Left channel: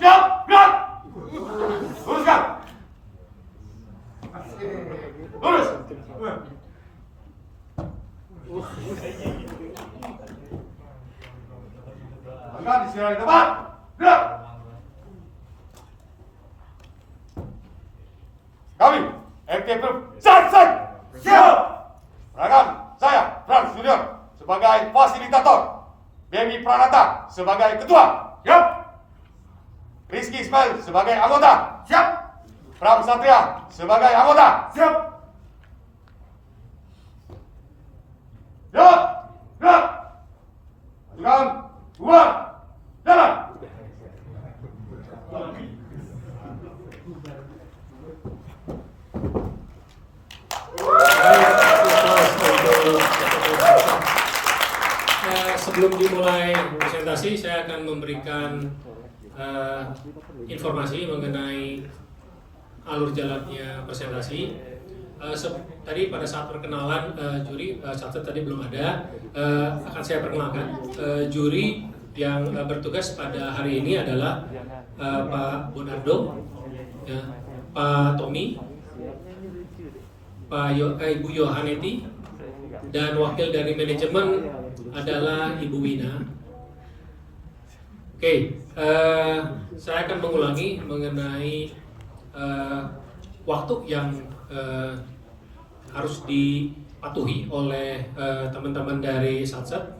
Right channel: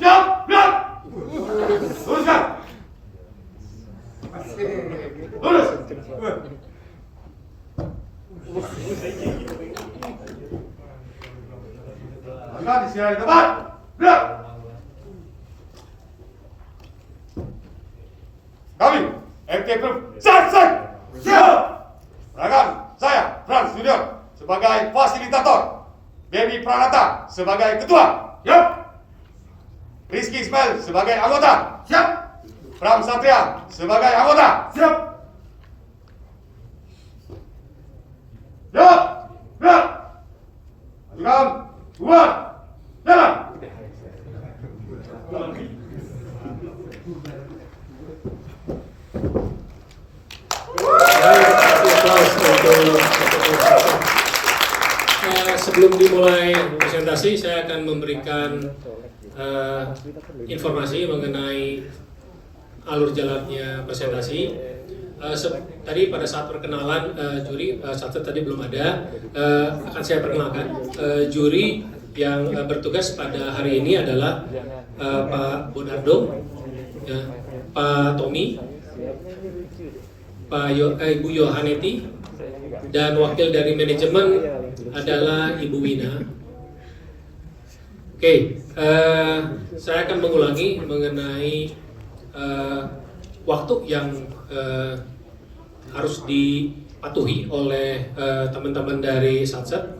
Siap, gerak. Luruskan. Lurus. Gerak di sini tempat. Gerak. Kami, FT Group, selesai. Siap. Rakan, saya Frans Junior sebagai fasilitator, Dewi Pranata sebagai ketua. Siap. Rizky Ismail sebagai anggota. Siap. Pram Satria sebagai anggota. Siap. Siap. Siap. Majukan. Dua. Jalan. Sebelum dimulai presentasi, saya akan memberikan informasi mengenai alur jalannya presentasi. Tadi pada saat perkenalan juri, satu tadi belum ada, akan saya perkenalkan. Juri yang bertugas pada hari ini adalah Pak Bonardo, ya, Pak Tommy, Ibu Yohaneti, dan wakil dari manajemen adalah Ibu Wina. Oke, saya akan mengulangi mengenai waktu yang harus dipatuhi oleh teman-teman dari Satset.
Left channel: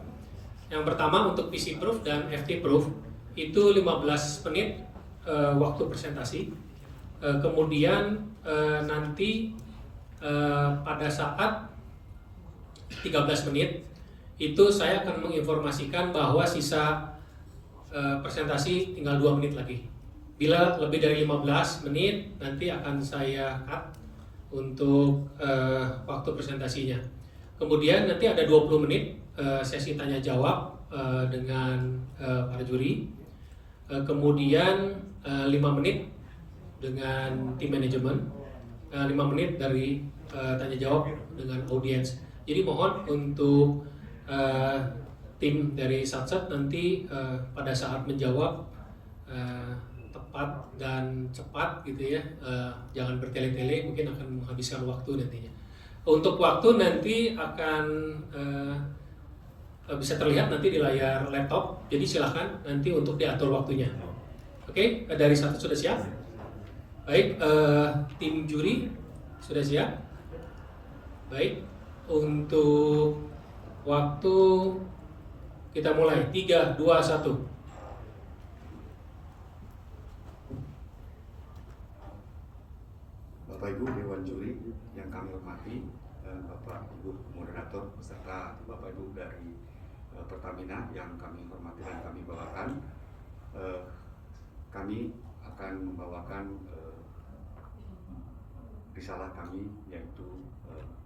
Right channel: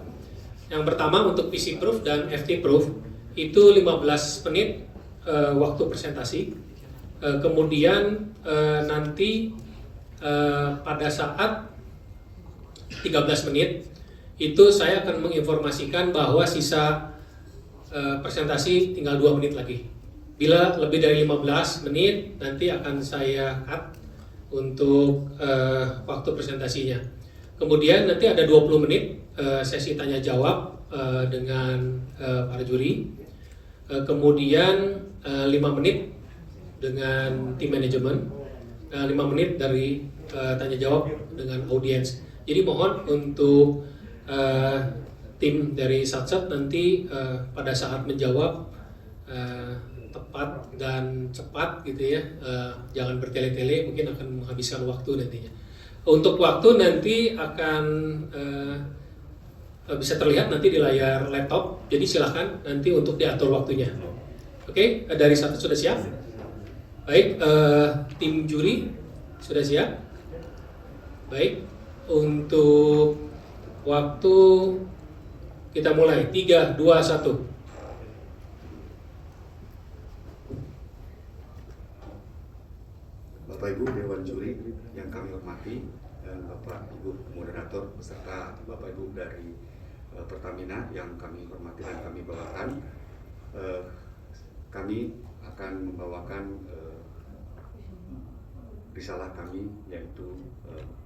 Yang pertama untuk PC Proof dan FT Proof itu 15 menit waktu presentasi. Kemudian nanti pada saat 13 menit itu saya akan menginformasikan bahwa sisa presentasi tinggal 2 menit lagi. Bila lebih dari 15 menit nanti akan saya cut untuk waktu presentasinya. Kemudian nanti ada 20 menit sesi tanya jawab dengan para juri. Kemudian 5 menit dengan tim manajemen, 5 menit dari tanya jawab dengan audiens. Jadi mohon untuk tim dari Satset nanti pada saat menjawab tepat dan cepat gitu ya, jangan bertele-tele, mungkin akan menghabiskan waktu nantinya. Untuk waktu nanti akan bisa terlihat nanti di layar laptop, jadi silahkan nanti untuk diatur waktunya. Oke, dari Satset sudah siap? Baik, tim juri sudah siap? Baik, untuk waktu kita mulai 3, 2, 1. Bapak Ibu Dewan Juri yang kami hormati, dan Bapak Ibu moderator beserta Bapak Ibu dari Pertamina yang kami hormati dan kami bawakan, kami akan membawakan risalah kami, yaitu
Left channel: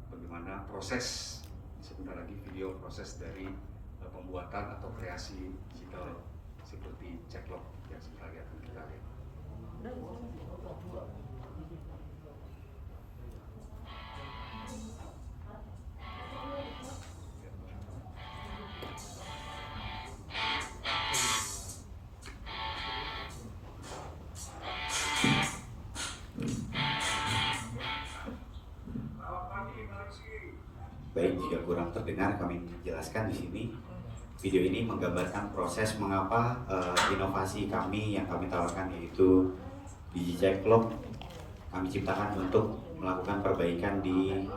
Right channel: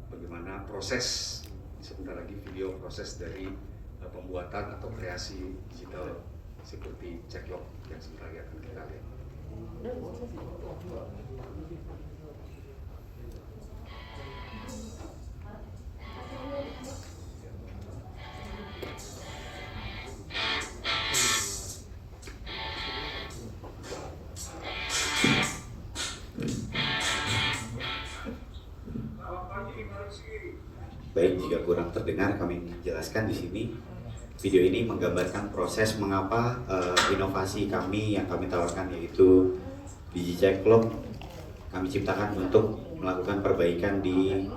bagaimana proses, sebentar lagi video proses dari pembuatan atau kreasi digital security checklog yang sebentar lagi akan kita lihat. Baik, jika kurang terdengar kami jelaskan di sini. Video ini menggambarkan proses mengapa inovasi kami yang kami tawarkan, yaitu DigiCheckLog, kami ciptakan untuk melakukan perbaikan di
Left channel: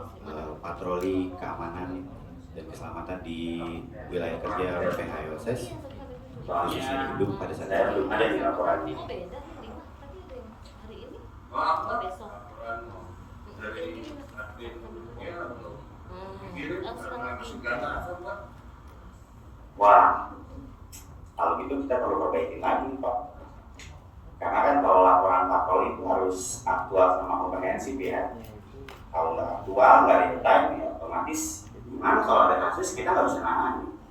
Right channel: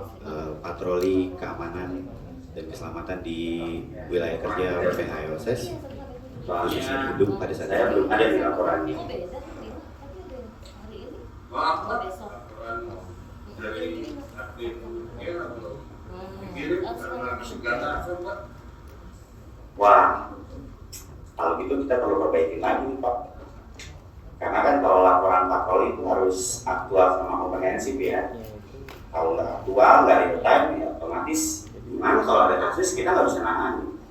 patroli keamanan dan keselamatan di wilayah kerja PH IOSS. Posisi gedung pada saat itu belum ada di laporan. Wah, kalau gitu kita perlu perbaiki lagi, Pak. Karena kan kalau laporan patroli itu harus aktual sama komprehensif ya. Kalau nggak aktual, nggak real time, ya otomatis gimana kalau ada kasus kita nggak bisa nangani.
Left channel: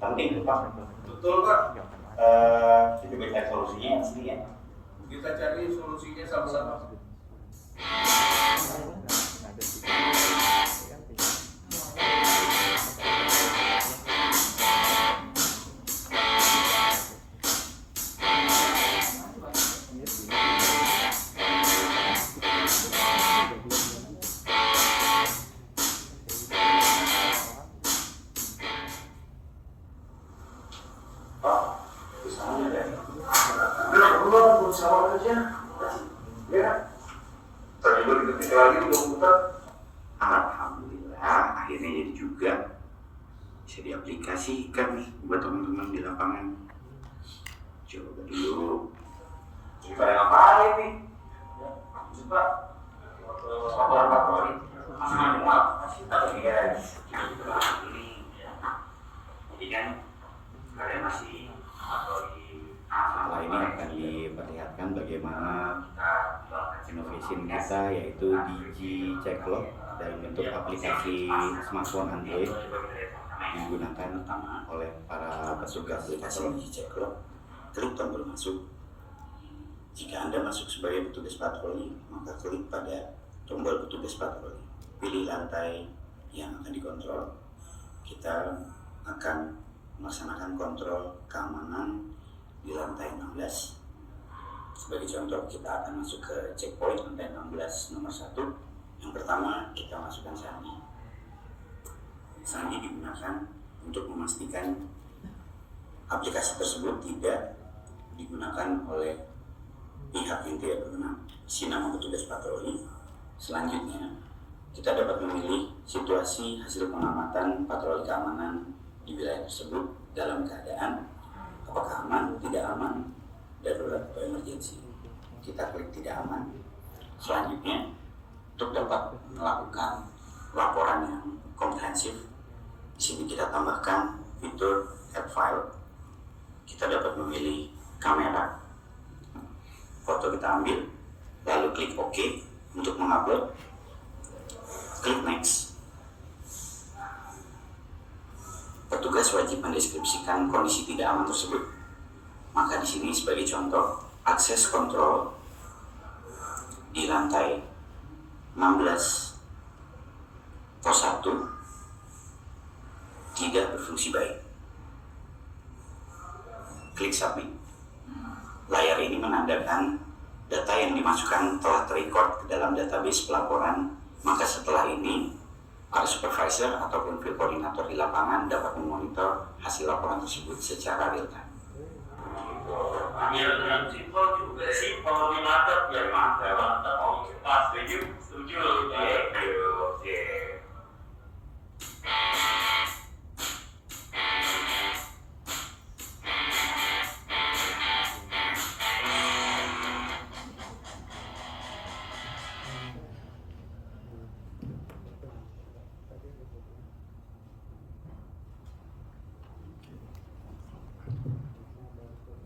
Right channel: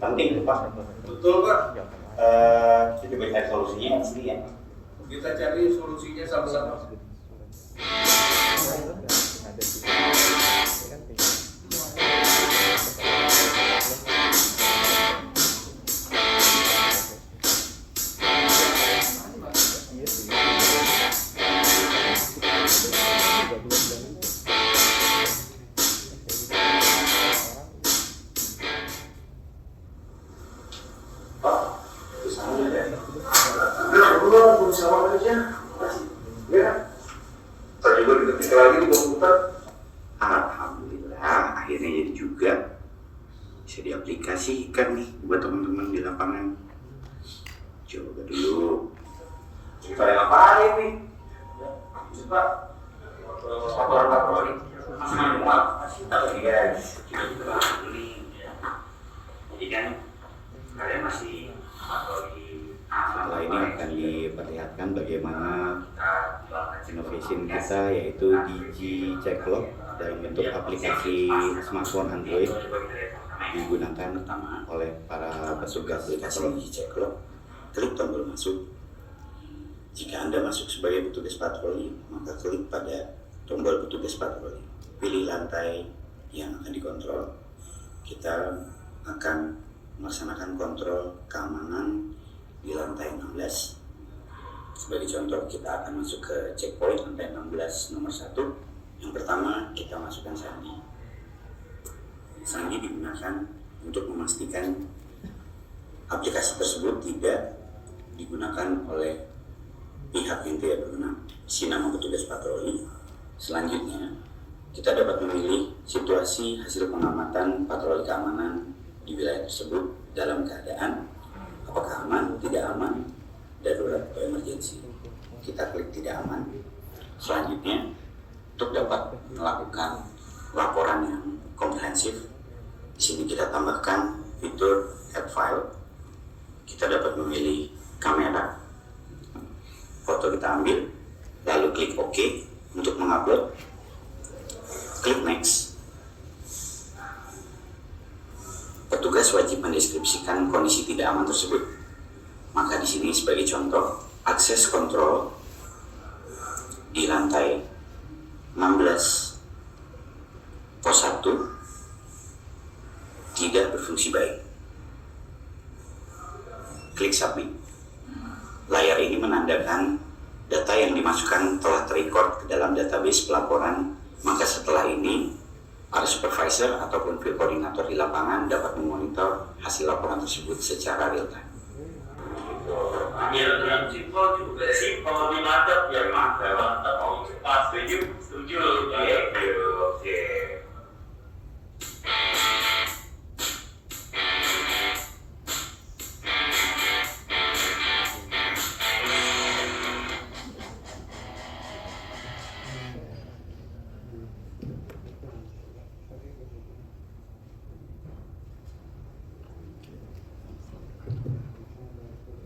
Penting tuh, Pak. Betul, Pak. Kita coba cari solusinya pasti ya. Kita cari solusinya sama-sama. Sama aja. Ya. Tadi juga diketik lagi di komputer. Alhamdulillah, akhirnya jadi juga bisa diaplikasikan nih buat teman-teman di lapangan. Coba dulu. Ceritain ngapain nih? Coba. Laporan patroli. Tapi guys, coba dulu nih. Jadi kan kalian masih patroli. Setelah ini akan diperlihatkan bagaimana innovation kita, yaitu Digi Ceklo dalam bentuk aplikasi smartphone Android digunakan oleh para petugas patroli. Digi Ceklo, klik tombol masuk. Jika Anda masuk sebagai petugas patroli, maka klik pada tombol petugas patroli. Pilih lantai yang akan dikontrol. Kita akan melaksanakan kontrol keamanan di lantai 16. Sebagai contoh, kita akan masuk ke checkpoint lantai 16 nomor 1. Yang pertama, kita masukkan sandi. Sandi digunakan untuk memastikan aplikasi tersebut tidak digunakan oleh pihak yang tidak berwenang. Isi nama petugas patroli. Selanjutnya, kita dapat memilih situasi hasil pengamatan patroli keamanan di wilayah tersebut dalam keadaan apakah aman, tidak aman, darurat atau emergensi. Kita klik tidak aman. Selanjutnya, untuk dapat melakukan laporan yang komprehensif, di sini kita tambahkan fitur add file. Kita dapat memilih kamera, foto kita ambil, lalu klik OK untuk mengupload. Klik next. Petugas wajib mendeskripsikan kondisi tidak aman tersebut. Maka di sini sebagai contoh, akses kontrol di lantai 16 pos 1 tidak berfungsi baik. Klik submit. Layar ini menandakan data yang dimasukkan telah terrecord ke dalam database pelaporan. Maka setelah ini, para supervisor ataupun field koordinator di lapangan dapat memonitor hasil laporan tersebut secara real time. Biar yang simpel juga sih, kalau dimantap ya mantap. Oh, pas setuju. Oke.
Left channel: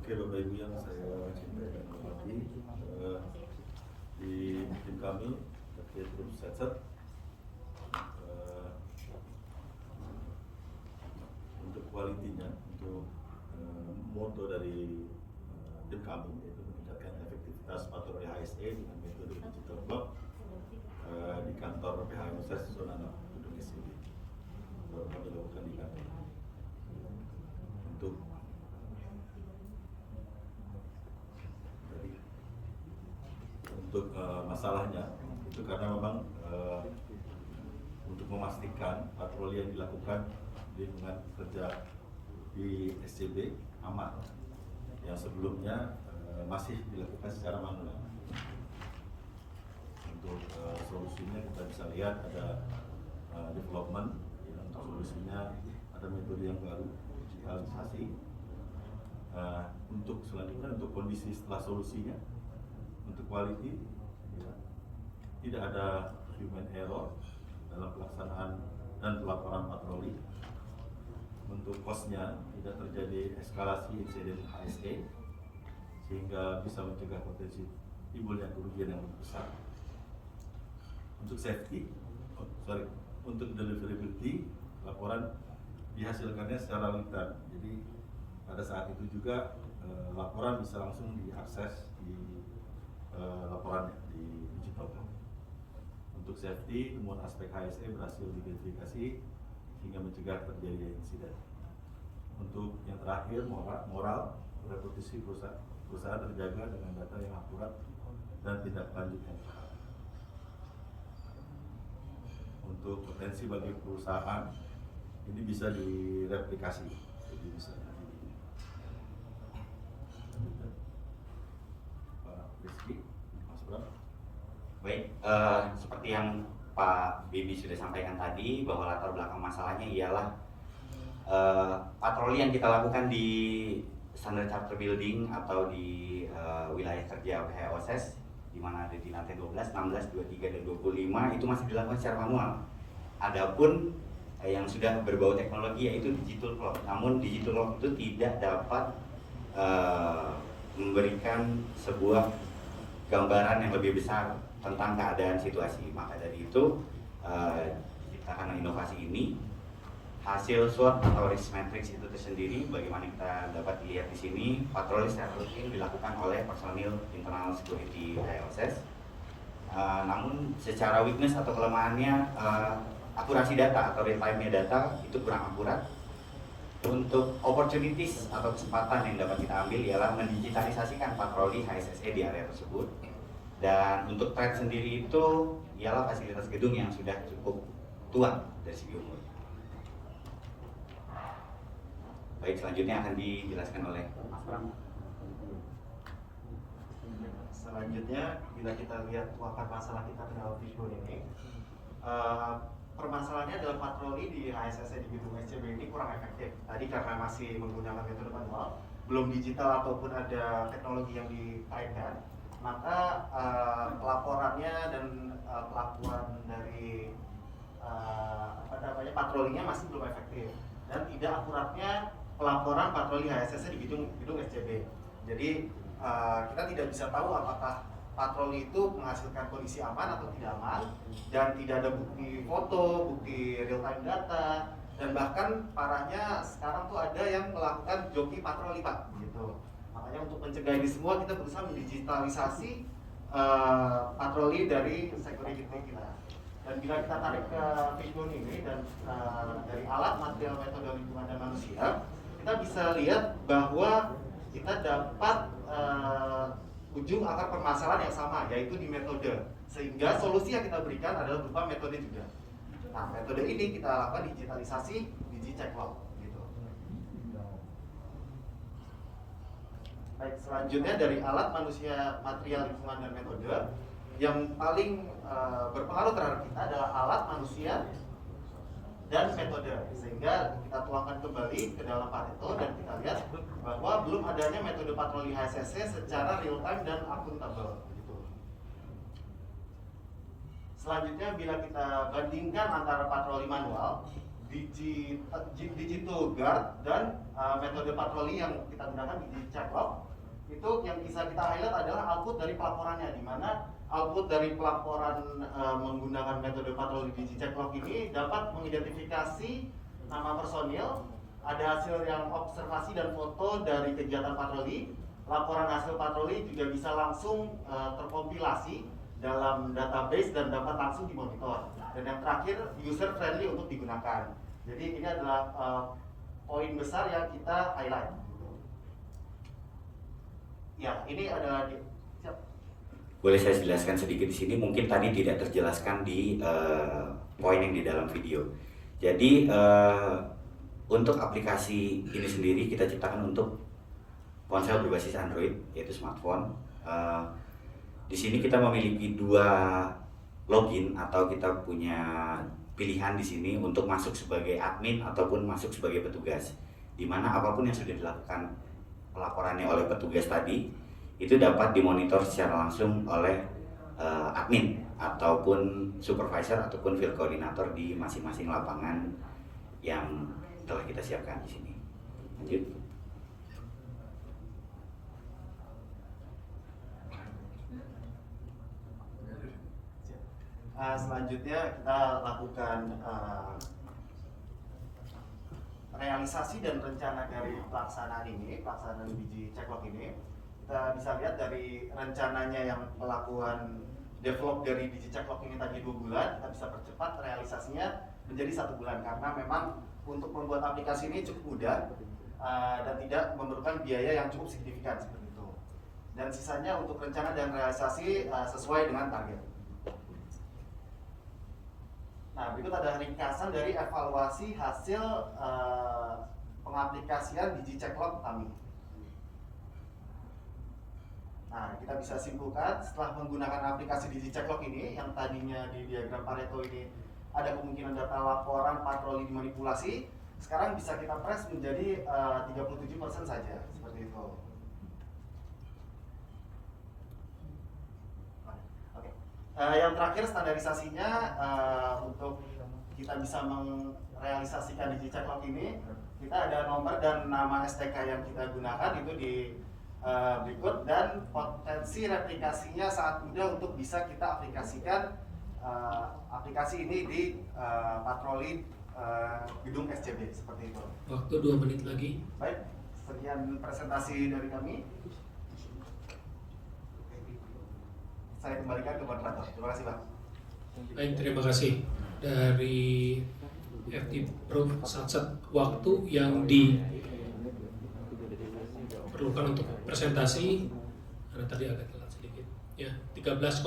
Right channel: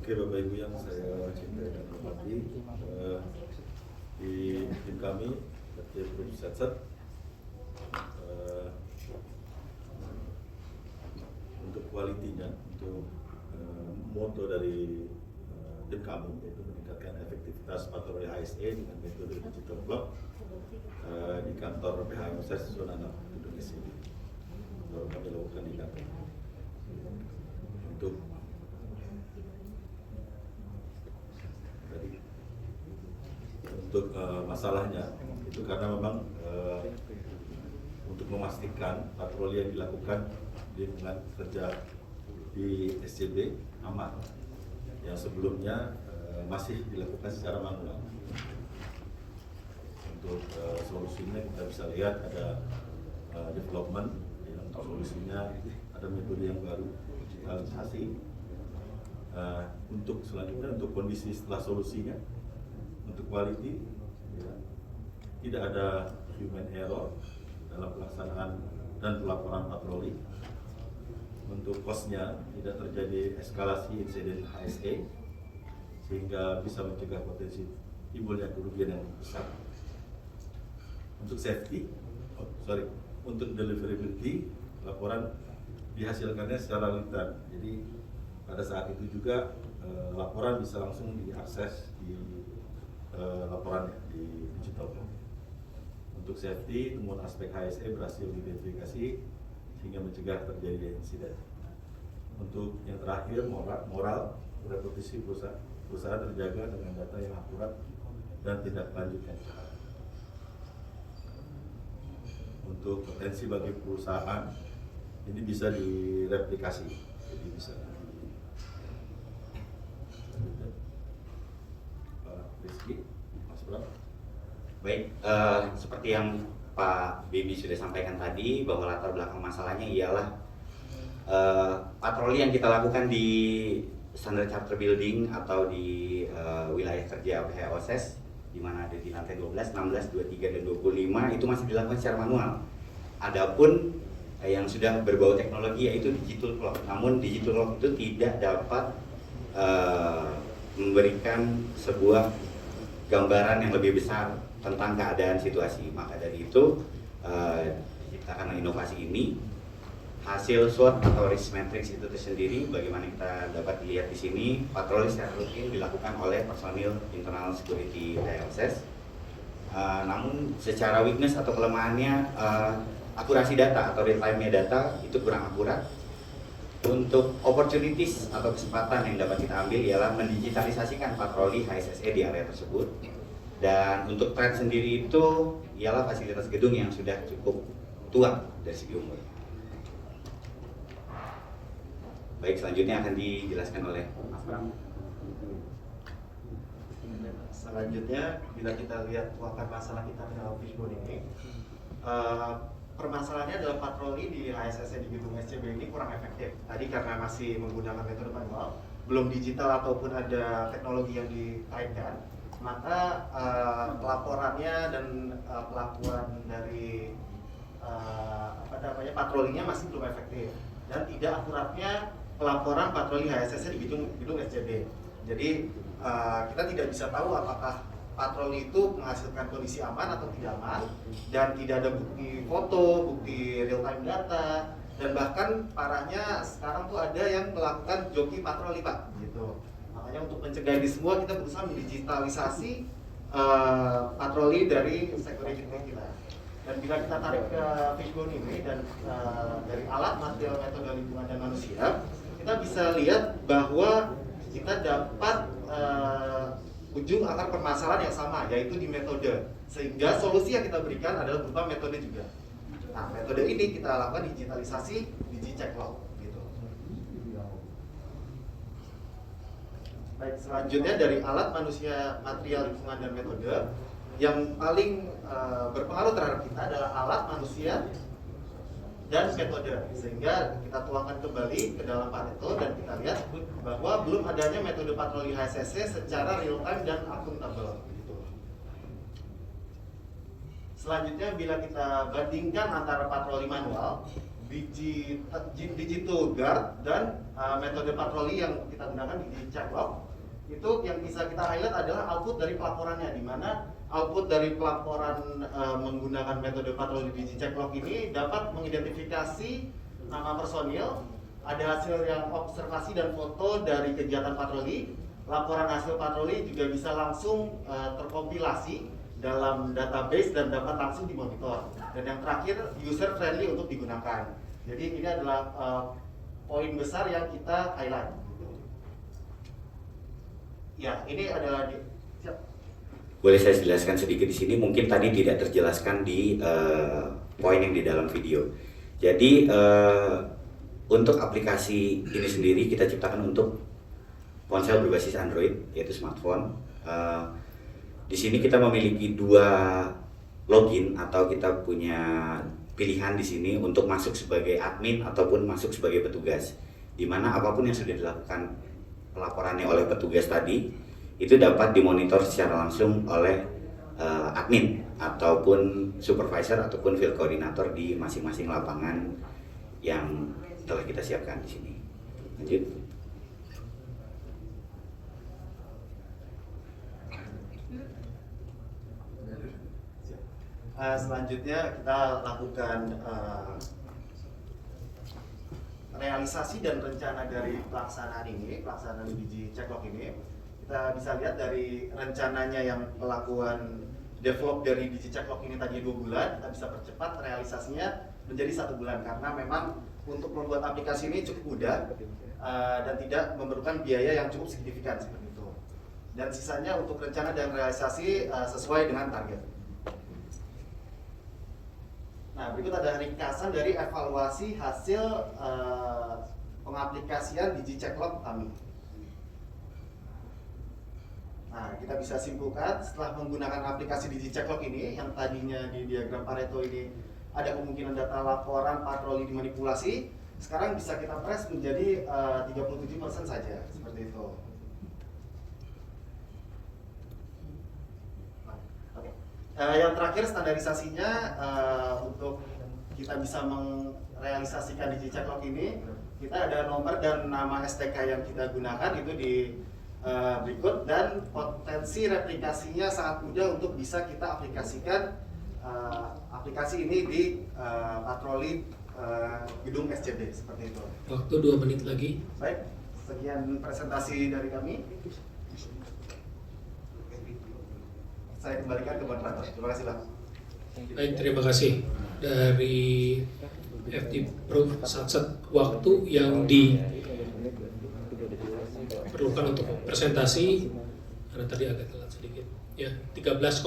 Oke Bapak Ibu yang saya cintai dan hormati, di tim kami FT Proof Satset untuk kualitinya, untuk moto dari tim kami yaitu meningkatkan efektivitas patroli HSE dengan metode digital clock di kantor PHMSS zona 6 gedung SID. Baru kami lakukan di kantor untuk masalahnya itu karena memang untuk memastikan patroli yang dilakukan di lingkungan kerja di SCB aman, yang sebelumnya masih dilakukan secara manual. Untuk solusinya kita bisa lihat ada development, ya, untuk solusinya ada metode yang baru, digitalisasi. Untuk selanjutnya, untuk kondisi setelah solusinya, untuk quality, ya, tidak ada human error dalam pelaksanaan dan pelaporan patroli. Untuk cost-nya tidak terjadi eskalasi insiden HSE sehingga bisa mencegah potensi timbulnya kerugian yang lebih besar. Untuk safety, untuk deliverability, laporan dihasilkannya secara real time. Jadi pada saat itu juga laporan bisa langsung diakses di laporannya di digital. Untuk safety, temuan aspek HSE berhasil diidentifikasi sehingga mencegah terjadi insiden. Untuk yang terakhir, moral reputasi perusahaan perusahaan terjaga dengan data yang akurat dan tidak lanjutnya. Untuk potensi bagi perusahaan ini bisa direplikasi, jadi bisa Rizky, Mas Bro. Baik, seperti yang Pak Bibi sudah sampaikan tadi, bahwa latar belakang masalahnya ialah patroli yang kita lakukan di Standard Charter Building atau di wilayah kerja PHOSES, di mana ada di lantai 12, 16, 23, dan 25 itu masih dilakukan secara manual. Adapun yang sudah berbau teknologi yaitu digital clock. Namun digital clock itu tidak dapat memberikan sebuah gambaran yang lebih besar tentang keadaan situasi. Maka dari itu diciptakan inovasi ini. Hasil SWOT atau risk matrix itu tersendiri, bagaimana kita dapat dilihat di sini, patroli secara rutin dilakukan oleh personil internal security PHOSES. Namun secara weakness atau kelemahannya, akurasi data atau real time-nya data itu kurang akurat. Untuk opportunities atau kesempatan yang dapat kita ambil ialah mendigitalisasikan patroli HSSE di area tersebut. Dan untuk trend sendiri itu ialah fasilitas gedung yang sudah cukup tua dari segi umur. Baik, selanjutnya akan dijelaskan oleh Mas Bram. Selanjutnya, bila kita lihat wabah masalah kita ke dalam fishbone ini, permasalahannya adalah patroli di HSSC di gedung SCB ini kurang efektif. Tadi karena masih menggunakan metode manual, belum digital ataupun ada teknologi yang dikaitkan, maka pelaporannya dan pelaporan dari patrolinya masih belum efektif, dan tidak akuratnya pelaporan patroli HSSC di gedung SCB. Jadi kita tidak bisa tahu apakah patroli itu menghasilkan kondisi aman atau tidak aman, dan tidak ada bukti foto, bukti real time data, dan bahkan parahnya sekarang tuh ada yang melakukan joki patroli, Pak, gitu. Makanya untuk mencegah ini semua kita berusaha mendigitalisasi patroli dari security kita. Dan bila kita tarik ke fishbone ini dan dari alat, material, metode, lingkungan, dan manusia, kita bisa lihat bahwa kita dapat ujung akar permasalahan yang sama, yaitu di metode. Sehingga solusi yang kita berikan adalah berupa metode juga. Nah, metode ini kita lakukan digitalisasi di DigiCheckLog, gitu. Baik, selanjutnya dari alat, manusia, material, lingkungan, dan metode, yang paling berpengaruh terhadap kita adalah alat, manusia, dan metode. Sehingga kita tuangkan kembali ke dalam Pareto dan kita lihat bahwa belum adanya metode patroli HSSC secara real time dan akuntabel, gitu. Selanjutnya, bila kita bandingkan antara patroli manual, digital guard, dan metode patroli yang kita gunakan di DigiCheckLog, itu yang bisa kita highlight adalah output dari pelaporannya, di mana output dari pelaporan menggunakan metode patroli di DigiCheckLog ini dapat mengidentifikasi nama personil, ada hasil yang observasi dan foto dari kegiatan patroli, laporan hasil patroli juga bisa langsung terkompilasi dalam database dan dapat langsung dimonitor. Dan yang terakhir, user friendly untuk digunakan. Jadi ini adalah poin besar yang kita highlight. Ya, ini adalah Boleh saya jelaskan sedikit di sini, mungkin tadi tidak terjelaskan di poin yang di dalam video. Jadi untuk aplikasi ini sendiri kita ciptakan untuk ponsel berbasis Android, yaitu smartphone. Di sini kita memiliki 2 login atau kita punya pilihan di sini untuk masuk sebagai admin ataupun masuk sebagai petugas. Di mana apapun yang sudah dilakukan pelaporannya oleh petugas tadi itu dapat dimonitor secara langsung oleh admin ataupun supervisor ataupun field coordinator di masing-masing lapangan yang telah kita siapkan di sini. Lanjut. Selanjutnya kita lakukan realisasi dan rencana dari pelaksanaan DigiCheckLog ini. Kita bisa lihat dari rencananya yang melakukan develop dari DigiCheckLog ini tadi 2 bulan, kita bisa percepat realisasinya menjadi 1 bulan, karena memang untuk membuat aplikasi ini cukup mudah dan tidak memerlukan biaya yang cukup signifikan seperti itu. dan sisanya untuk rencana dan realisasi sesuai dengan target. Nah, berikut ada ringkasan dari evaluasi hasil pengaplikasian DigiCheckLog kami. Nah, kita bisa simpulkan setelah menggunakan aplikasi DigiCheckLog ini, yang tadinya di diagram Pareto ini ada kemungkinan data laporan patroli dimanipulasi, sekarang bisa kita press menjadi 37% saja, seperti itu. Yang terakhir standarisasinya, untuk kita bisa merealisasikan DigiCheckLog ini, kita ada nomor dan nama STK yang kita gunakan itu di berikut, dan potensi replikasinya sangat mudah untuk bisa kita aplikasikan aplikasi ini di patroli gedung SCB, seperti itu. Waktu 2 menit lagi. Baik, sekian presentasi dari kami. Saya kembalikan ke moderator. Terima kasih, Pak. Baik, terima kasih dari FT Proof Satset. Waktu yang diperlukan untuk presentasi karena tadi agak telat sedikit. Ya, 13.05.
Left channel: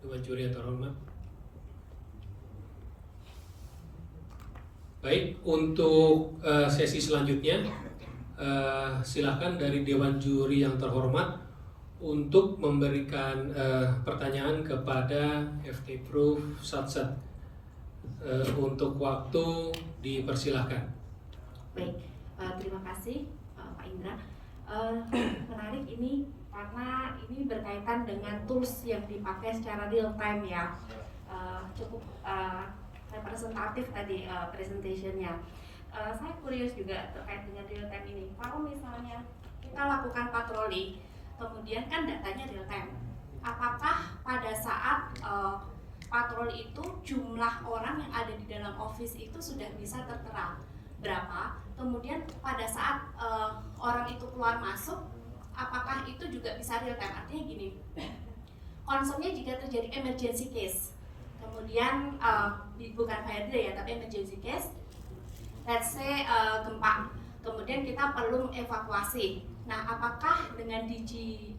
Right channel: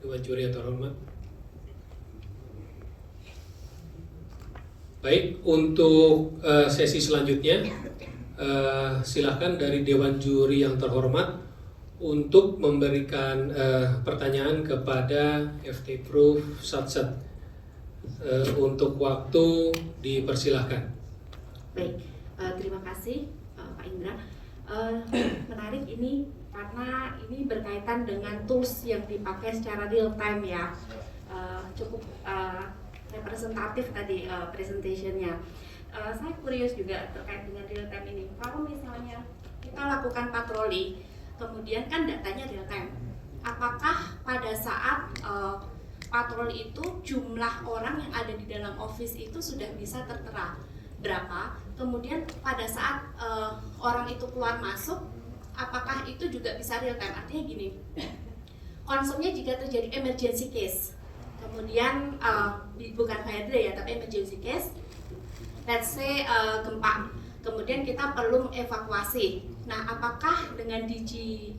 Dewan Juri yang terhormat. Baik, untuk sesi selanjutnya silakan dari Dewan Juri yang terhormat untuk memberikan pertanyaan kepada FT Proof Satset. Untuk waktu dipersilahkan. Baik, terima kasih Pak Indra. Menarik ini karena ini berkaitan dengan tools yang dipakai secara real time ya. Cukup representatif tadi presentationnya. Saya curious juga terkait dengan real time ini. Kalau misalnya kita lakukan patroli, kemudian kan datanya real time. Apakah pada saat patroli itu jumlah orang yang ada di dalam office itu sudah bisa tertera berapa? Kemudian pada saat orang itu keluar masuk, apakah itu juga bisa real time? Artinya gini, konsepnya jika terjadi emergency case, kemudian bukan fire drill ya, tapi emergency case, let's say gempa, kemudian kita perlu evakuasi. Nah, apakah dengan Digi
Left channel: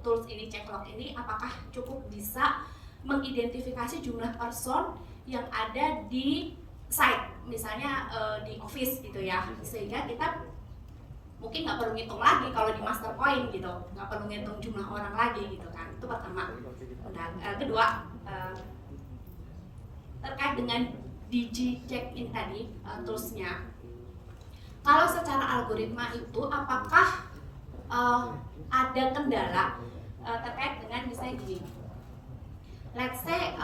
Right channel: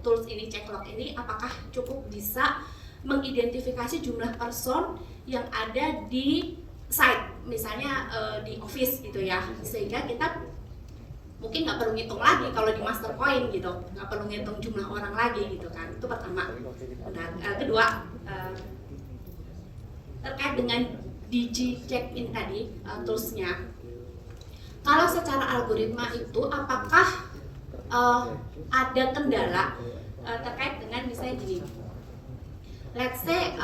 tools ini, Checklog ini, apakah cukup bisa mengidentifikasi jumlah person yang ada di site, misalnya di office gitu ya, sehingga kita mungkin nggak perlu ngitung lagi kalau di master point gitu, nggak perlu ngitung jumlah orang lagi gitu kan. Itu pertama. Dan kedua, terkait dengan Digi check-in tadi, toolsnya, kalau secara algoritma itu apakah ada kendala terkait dengan misalnya gini, let's say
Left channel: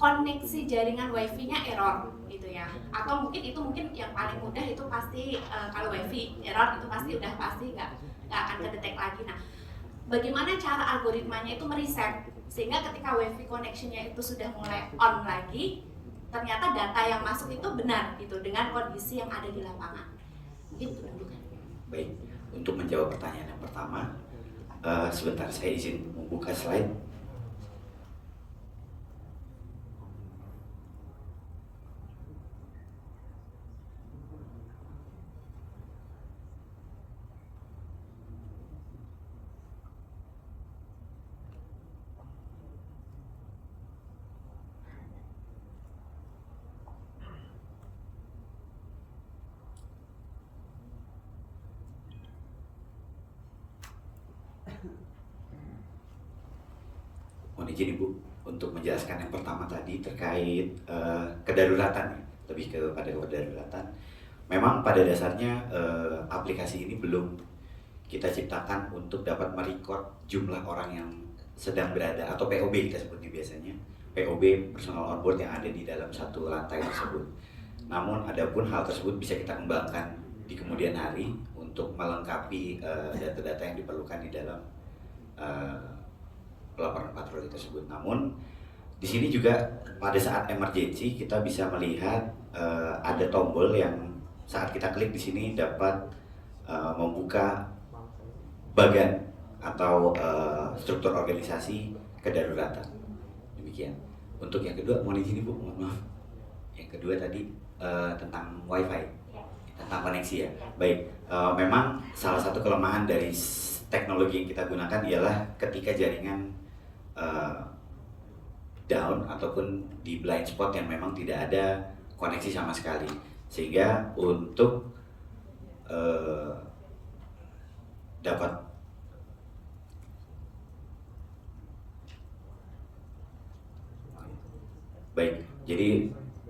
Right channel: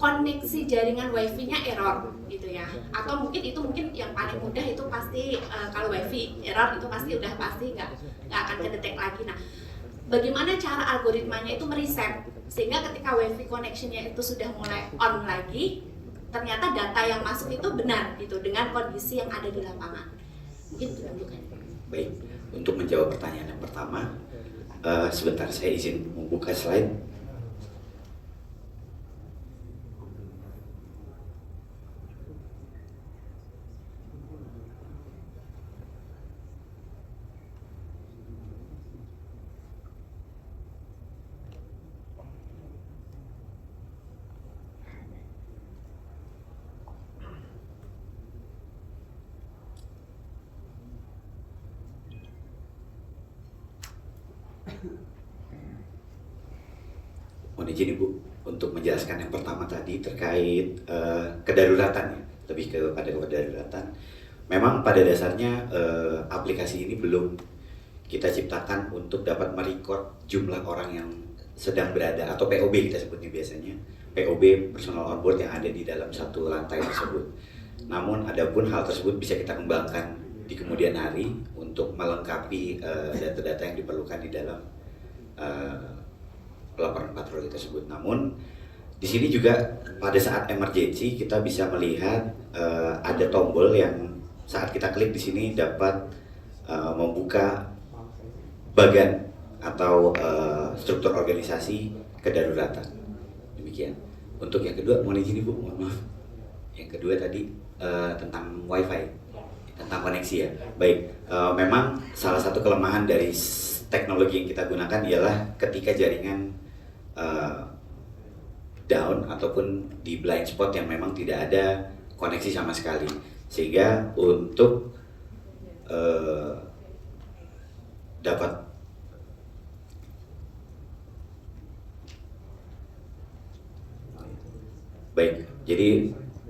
koneksi jaringan wifi-nya error gitu ya, atau mungkin yang paling mudah itu pasti kalau wifi error itu pasti nggak akan kedetek lagi. Nah, bagaimana cara algoritmanya itu mereset sehingga ketika wifi connection-nya itu sudah mulai on lagi, ternyata data yang masuk itu benar gitu dengan kondisi yang ada di lapangan. Mungkin itu tunjukkan. Baik, untuk menjawab pertanyaan yang pertama, sebentar saya izin membuka slide. Mohon izin Ibu untuk menjelaskan yang pertama tadi terkait kedaruratan ya, lebih kepada kedaruratan. Memang pada dasarnya aplikasi ini belum kita ciptakan untuk dapat merecord jumlah orang yang sedang berada atau POB kita sebutnya biasanya, POB personal on board yang ada di dalam satu lantai tersebut. Namun adapun hal tersebut bisa kita kembangkan di kemudian hari untuk melengkapi data-data yang diperlukan di dalam laporan patroli tersebut. Namun di sini juga pada saat emergency kita bisa melihat ada tombol yang saat kita klik di sini dapat membuka bagan atau struktur organisasi kedaruratan. Demikian. Untuk yang kedua, mohon izin Ibu, mohon maaf. Yang kedua tadi tentang WiFi. tentang koneksi ya. Baik, memang salah satu kelemahan dari teknologi yang kita gunakan ialah ketika jaringan down ataupun di blind spot yang memang tidak ada koneksi sama sekali, sehingga untuk dapat baik, jadi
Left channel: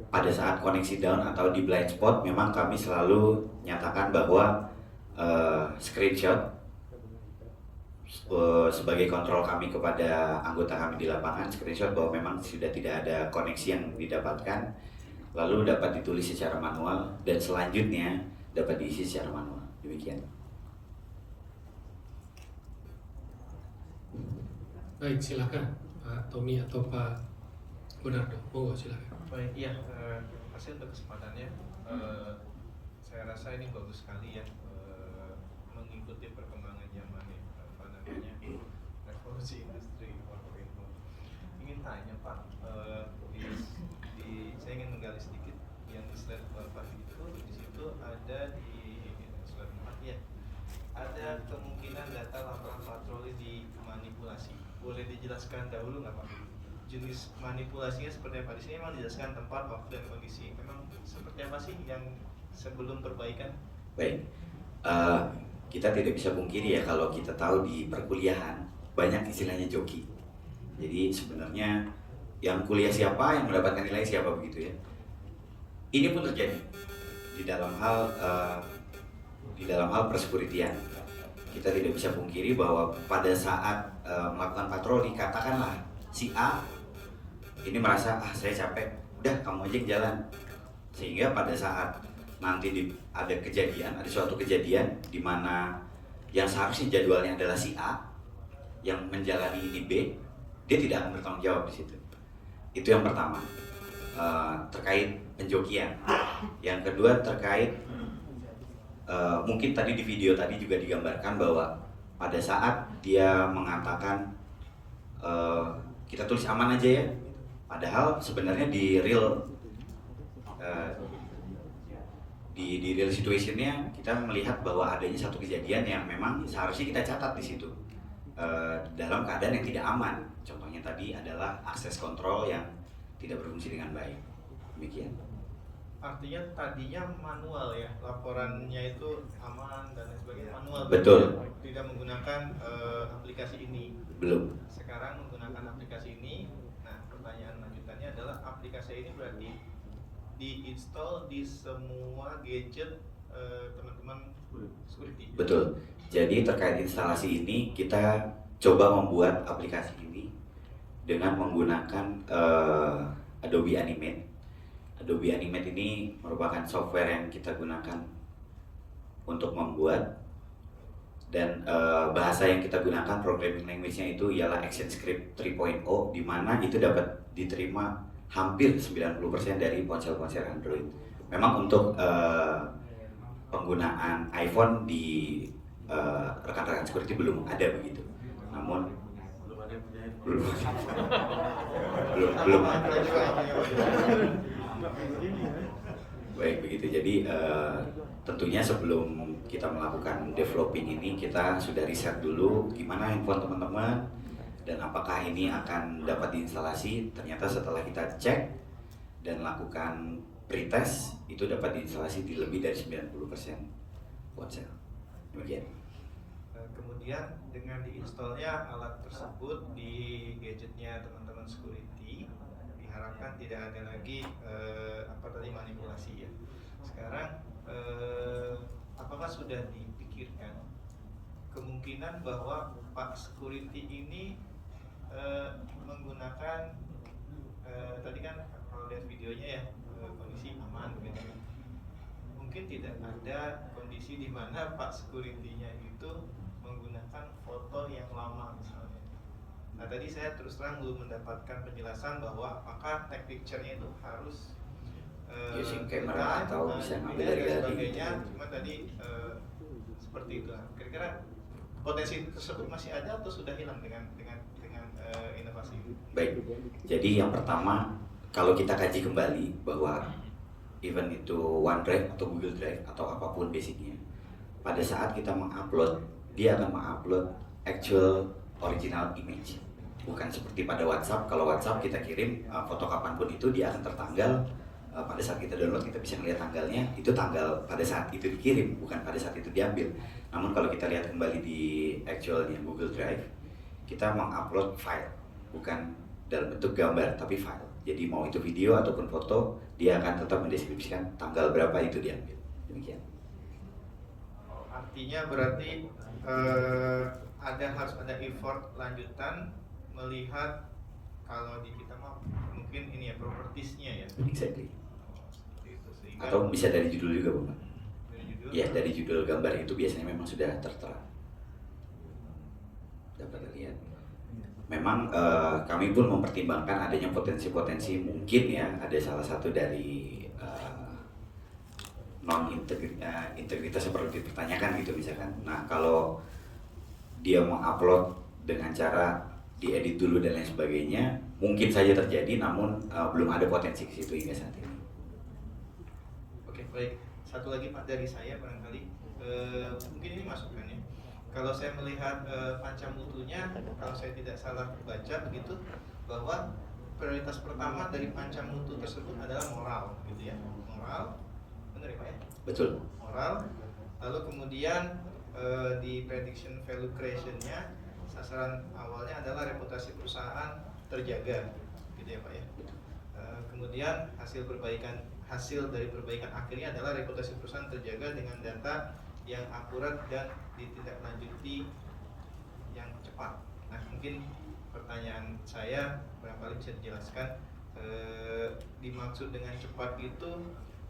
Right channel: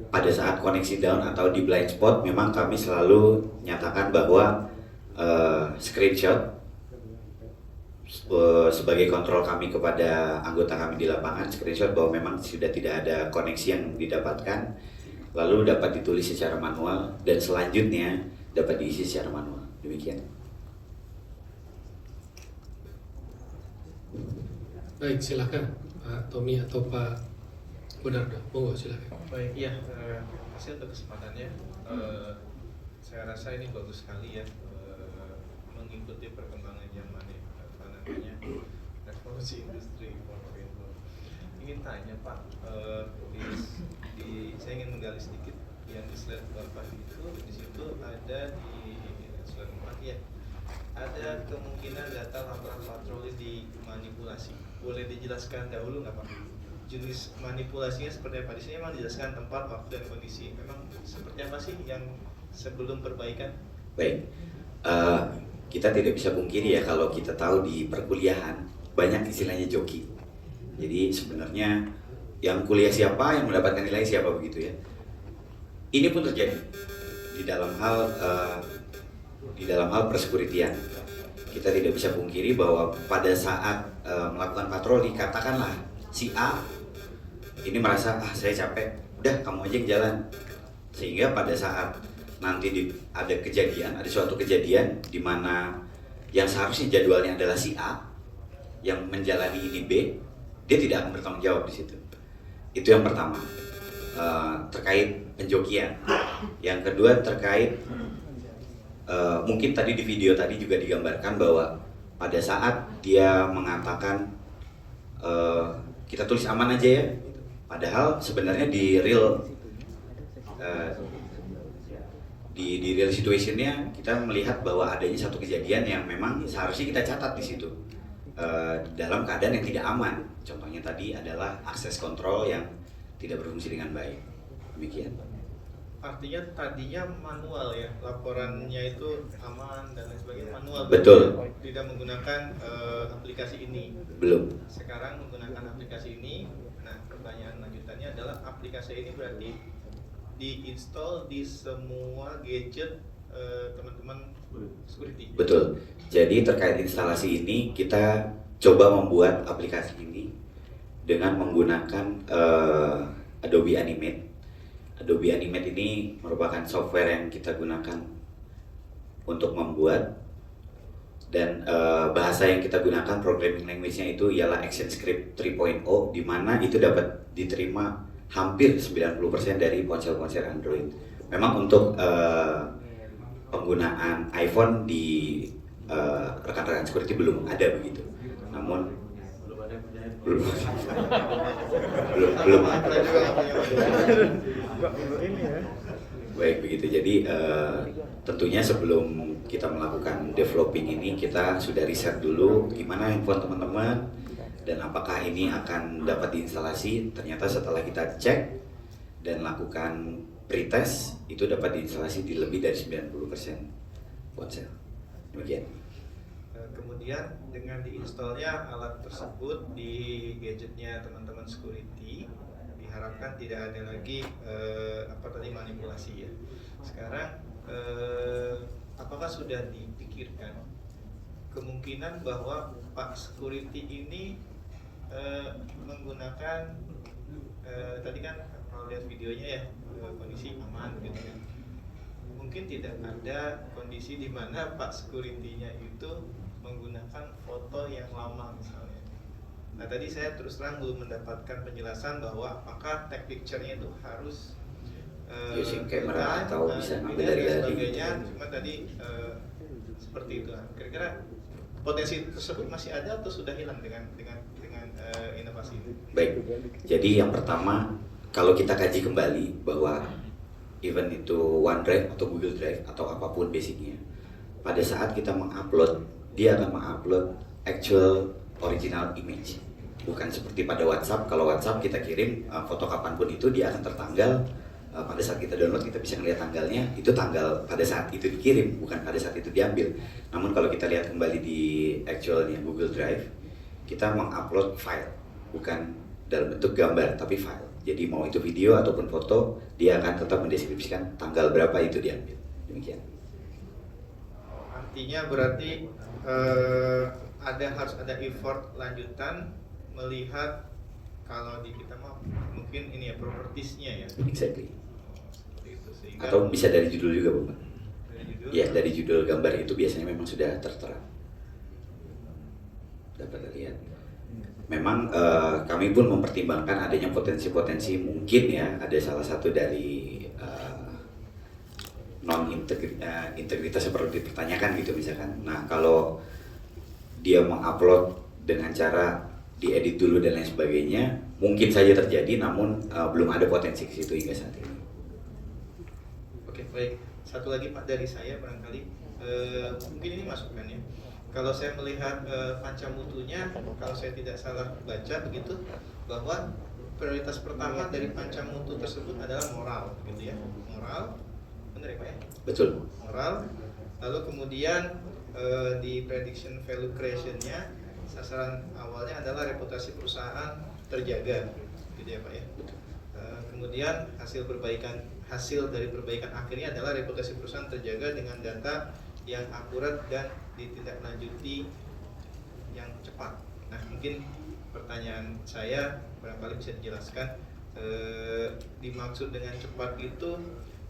pada saat koneksi down atau di blind spot memang kami selalu nyatakan bahwa screenshot sebagai kontrol kami kepada anggota kami di lapangan, screenshot bahwa memang sudah tidak ada koneksi yang didapatkan, lalu dapat ditulis secara manual dan selanjutnya dapat diisi secara manual. Demikian. Baik, silakan Pak Tommy atau Pak Gunardo. Monggo silakan. Baik, iya, terima kasih untuk kesempatannya. Saya rasa ini bagus sekali ya, mengikuti perkembangan zaman ini, apa namanya, revolusi industri 4.0. Ingin tanya Pak, saya ingin menggali sedikit yang di slide Bapak itu, di situ ada di slide 4 ya, ada kemungkinan data laporan patroli dimanipulasi. Boleh dijelaskan dahulu nggak Pak? Jenis manipulasinya seperti apa? Di sini memang dijelaskan tempat, waktu, dan kondisi. Memang seperti apa sih yang sebelum perbaikan? Baik, kita tidak bisa pungkiri ya kalau kita tahu di perkuliahan banyak istilahnya joki. Jadi sebenarnya yang kuliah siapa, yang mendapatkan nilai siapa, begitu ya. Ini pun terjadi di dalam hal persekuritian. Kita tidak bisa pungkiri bahwa pada saat melakukan patroli, katakanlah si A ini merasa saya capek, udah kamu aja yang jalan, sehingga pada saat nanti ada suatu kejadian di mana yang seharusnya jadwalnya adalah si A yang menjalani ini B, dia tidak akan bertanggung jawab di situ. Itu yang pertama, terkait penjokian. Yang kedua terkait mungkin tadi di video tadi juga digambarkan bahwa pada saat dia mengatakan kita tulis aman aja ya, padahal sebenarnya di real situationnya kita melihat bahwa adanya satu kejadian yang memang seharusnya kita catat di situ dalam keadaan yang tidak aman. Contohnya tadi adalah akses kontrol yang tidak berfungsi dengan baik. Demikian. Artinya tadinya manual ya, laporannya itu aman dan lain sebagainya manual. Betul. Tidak menggunakan aplikasi ini. Belum. Sekarang menggunakan aplikasi ini. Nah, pertanyaan lanjutannya adalah aplikasi ini berarti diinstal di semua gadget teman-teman security. Betul. Jadi terkait instalasi ini kita coba membuat aplikasi ini dengan menggunakan Adobe Animate. Adobe Animate ini merupakan software yang kita gunakan untuk membuat, dan bahasa yang kita gunakan programming language-nya itu ialah ActionScript 3.0, di mana itu dapat diterima hampir 90% dari ponsel-ponsel Android. Memang untuk penggunaan iPhone di rekan-rekan security belum ada begitu. Namun belum. Baik begitu. Jadi tentunya sebelum kita melakukan developing ini kita sudah riset dulu gimana handphone teman-teman dan apakah ini akan dapat diinstalasi. Ternyata setelah kita cek dan lakukan pretest itu dapat diinstalasi di lebih dari 90% ponsel. Demikian. Kemudian dengan diinstalnya alat tersebut di gadgetnya teman-teman security, diharapkan tidak ada lagi manipulasi ya. Sekarang apakah sudah dipikirkan kemungkinan bahwa Pak security ini menggunakan tadi kan kalau lihat videonya ya kondisi aman gitu ya. Mungkin tidak ada kondisi di mana Pak security-nya itu menggunakan foto yang lama misalnya. Nah tadi saya terus terang belum mendapatkan penjelasan bahwa apakah tag picture-nya itu harus using kamera atau bisa ngambil dari sebagainya. Cuma tadi seperti itu. Kira-kira potensi tersebut masih ada atau sudah hilang dengan inovasi ini? Baik. Jadi yang pertama kalau kita kaji kembali bahwa even itu OneDrive atau Google Drive atau apapun basicnya, pada saat kita mengupload, dia akan mengupload actual original image. Bukan seperti pada WhatsApp, kalau WhatsApp kita kirim foto kapanpun itu dia akan tertanggal, pada saat kita download kita bisa melihat tanggalnya, itu tanggal pada saat itu dikirim, bukan pada saat itu diambil. Namun kalau kita lihat kembali di actualnya Google Drive, kita mengupload file, bukan dalam bentuk gambar tapi file. Jadi mau itu video ataupun foto, dia akan tetap mendeskripsikan tanggal berapa itu diambil. Demikian. Artinya berarti harus ada effort lanjutan melihat kalau di kita mah mungkin ini ya propertiesnya ya. Exactly. Seperti itu, sehingga Atau bisa dari judul juga, Bang. dari judul. Ya, dari judul gambar itu biasanya memang sudah tertera. Dapat lihat. Memang kami pun mempertimbangkan adanya potensi-potensi mungkin ya, ada salah satu dari integritas seperti dipertanyakan gitu misalkan. Nah, kalau dia mengupload dengan cara diedit dulu dan lain sebagainya, mungkin saja terjadi, namun belum ada potensi ke situ hingga saat ini. Oke, baik. Satu lagi Pak dari saya barangkali mungkin ini masukan ya. Kalau saya melihat pancamutunya, kalau saya tidak salah baca begitu, bahwa prioritas pertama dari pancamutu tersebut adalah moral, gitu ya. Moral, benar ya Pak ya? Betul. Moral. Lalu kemudian di prediction value creation-nya sasaran awalnya adalah reputasi perusahaan terjaga, gitu ya Pak ya. Kemudian hasil dari perbaikan akhirnya adalah reputasi perusahaan terjaga dengan data yang akurat dan ditindaklanjuti yang cepat. Nah, mungkin pertanyaan saya barangkali bisa dijelaskan dimaksud dengan cepat itu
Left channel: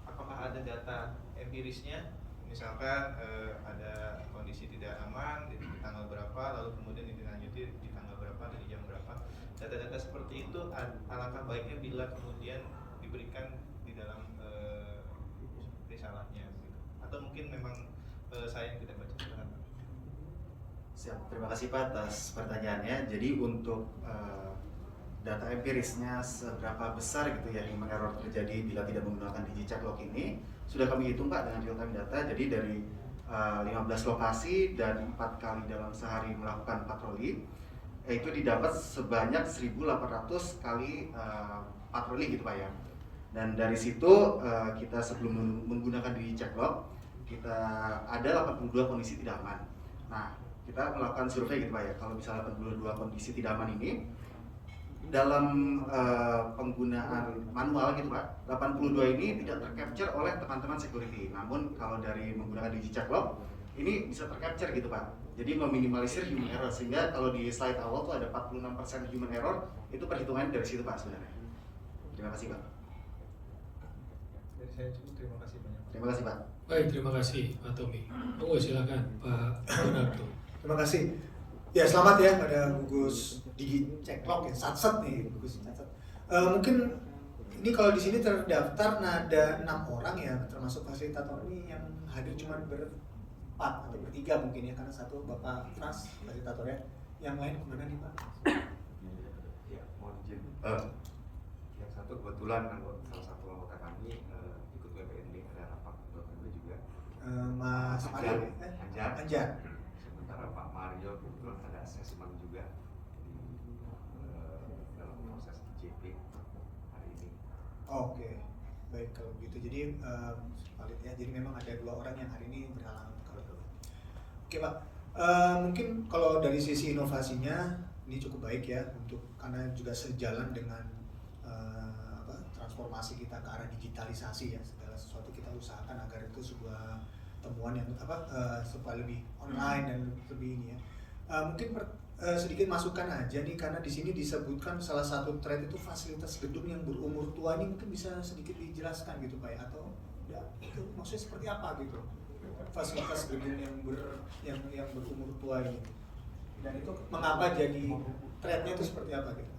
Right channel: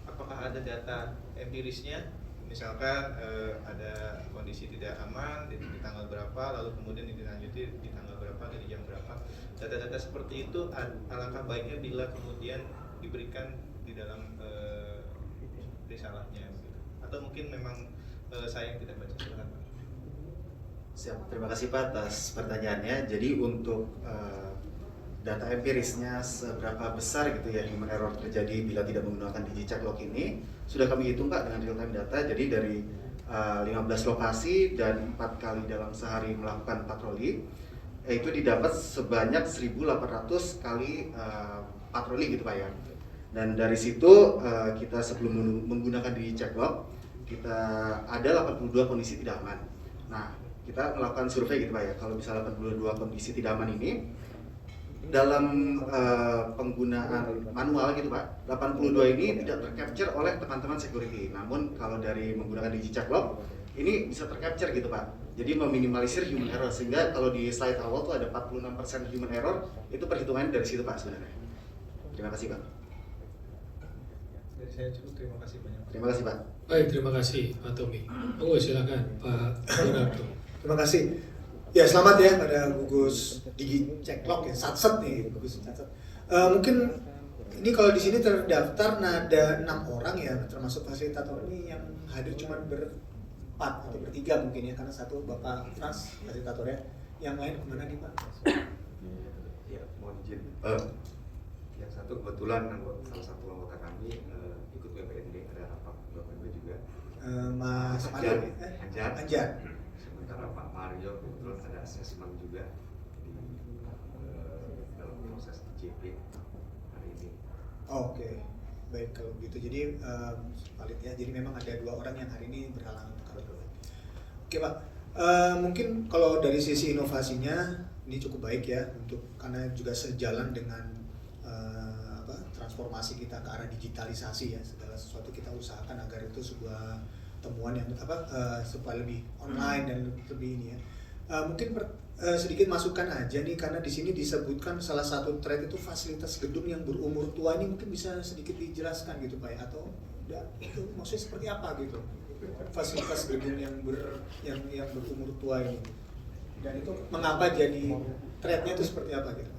apakah ada data empirisnya? Misalkan ada kondisi tidak aman di tanggal berapa, lalu kemudian ditindaklanjuti di tanggal berapa, di jam berapa. Data-data seperti itu alangkah baiknya bila kemudian diberikan di dalam risalahnya gitu. Atau mungkin memang saya yang tidak baca surat. Siap, terima kasih Pak atas pertanyaannya. Jadi untuk data empirisnya seberapa besar gitu ya human error terjadi bila tidak menggunakan DigiCheck Log ini sudah kami hitung Pak dengan real time data. Jadi dari 15 lokasi dan 4 kali dalam sehari melakukan patroli, itu didapat sebanyak 1.800 kali patroli gitu Pak ya. Dan dari situ kita sebelum menggunakan DigiCheck Log, kita ada 82 kondisi tidak aman. Nah, kita melakukan survei gitu Pak ya. Kalau misalnya 82 kondisi tidak aman ini dalam penggunaan manual gitu Pak, 82 ini tidak tercapture oleh teman-teman security. Namun kalau dari menggunakan DigiCheck Log ini bisa tercapture gitu Pak. Jadi meminimalisir human error, sehingga kalau di slide awal tuh ada 46% human error, itu perhitungannya dari situ Pak sebenarnya. Terima kasih Pak. Dari saya cukup, terima kasih banyak. Terima kasih Pak. Baik, terima kasih Pak Tommy. Monggo silakan Pak Leonardo. Terima kasih. Ya, selamat ya pada gugus DigiCheck Log ya, satset nih gugus satset. Mungkin ini kalau di sini terdaftar ada 6 orang ya, termasuk fasilitator ini yang hadir cuma berempat atau bertiga mungkin ya, karena satu Bapak Frans fasilitatornya, yang lain kemana nih Pak? Ya, mohon izin. Yang satu kebetulan salah satu anggota kami ikut WPND, ada rapat WPND juga. Mas Anjar. Sementara Pak Mario kebetulan ada asesmen juga di dalam proses IJP hari ini. Oke, baik kalau begitu. Jadi valid ya. Jadi memang ada 2 orang yang hari ini berhalangan untuk hadir. Oke Pak, mungkin kalau dari sisi inovasinya ini cukup baik ya, untuk karena juga sejalan dengan transformasi kita ke arah digitalisasi ya. Segala sesuatu kita usahakan agar itu sebuah temuan yang supaya lebih online dan lebih ini ya. Mungkin sedikit masukan aja nih, karena di sini disebutkan salah satu threat itu fasilitas gedung yang berumur tua. Ini mungkin bisa sedikit dijelaskan gitu Pak ya, atau ya, itu maksudnya seperti apa gitu fasilitas gedung yang berumur tua ini, dan itu mengapa jadi threatnya itu seperti apa gitu?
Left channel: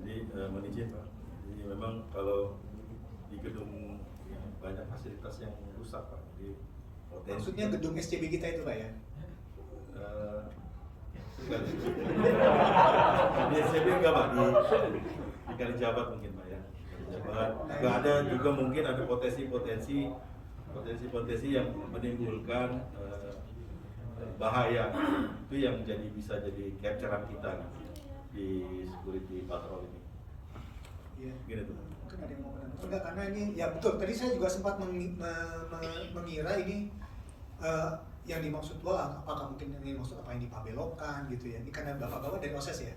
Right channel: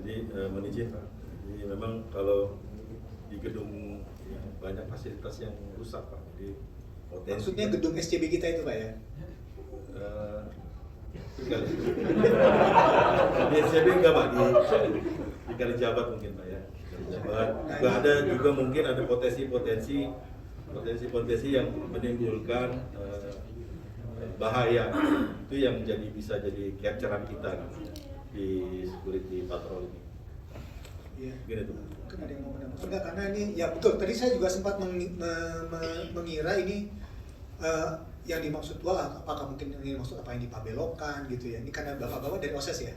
Jadi menijin, jadi memang kalau di gedung banyak fasilitas yang rusak Pak. Jadi maksudnya gedung SCB kita itu Pak ya? Di SCB enggak Pak, di Kalijabat mungkin Pak ya. nggak ada juga mungkin ada potensi yang menimbulkan bahaya. Itu yang bisa jadi capturean kita di security patrol ini. Iya. Gini tuh. Mungkin ada yang mau menambah. Enggak, karena ini ya betul. Tadi saya juga sempat mengira ini yang dimaksud apakah mungkin yang dimaksud apa yang dipabelokan gitu ya. Ini karena bapak-bapak dari OSES ya.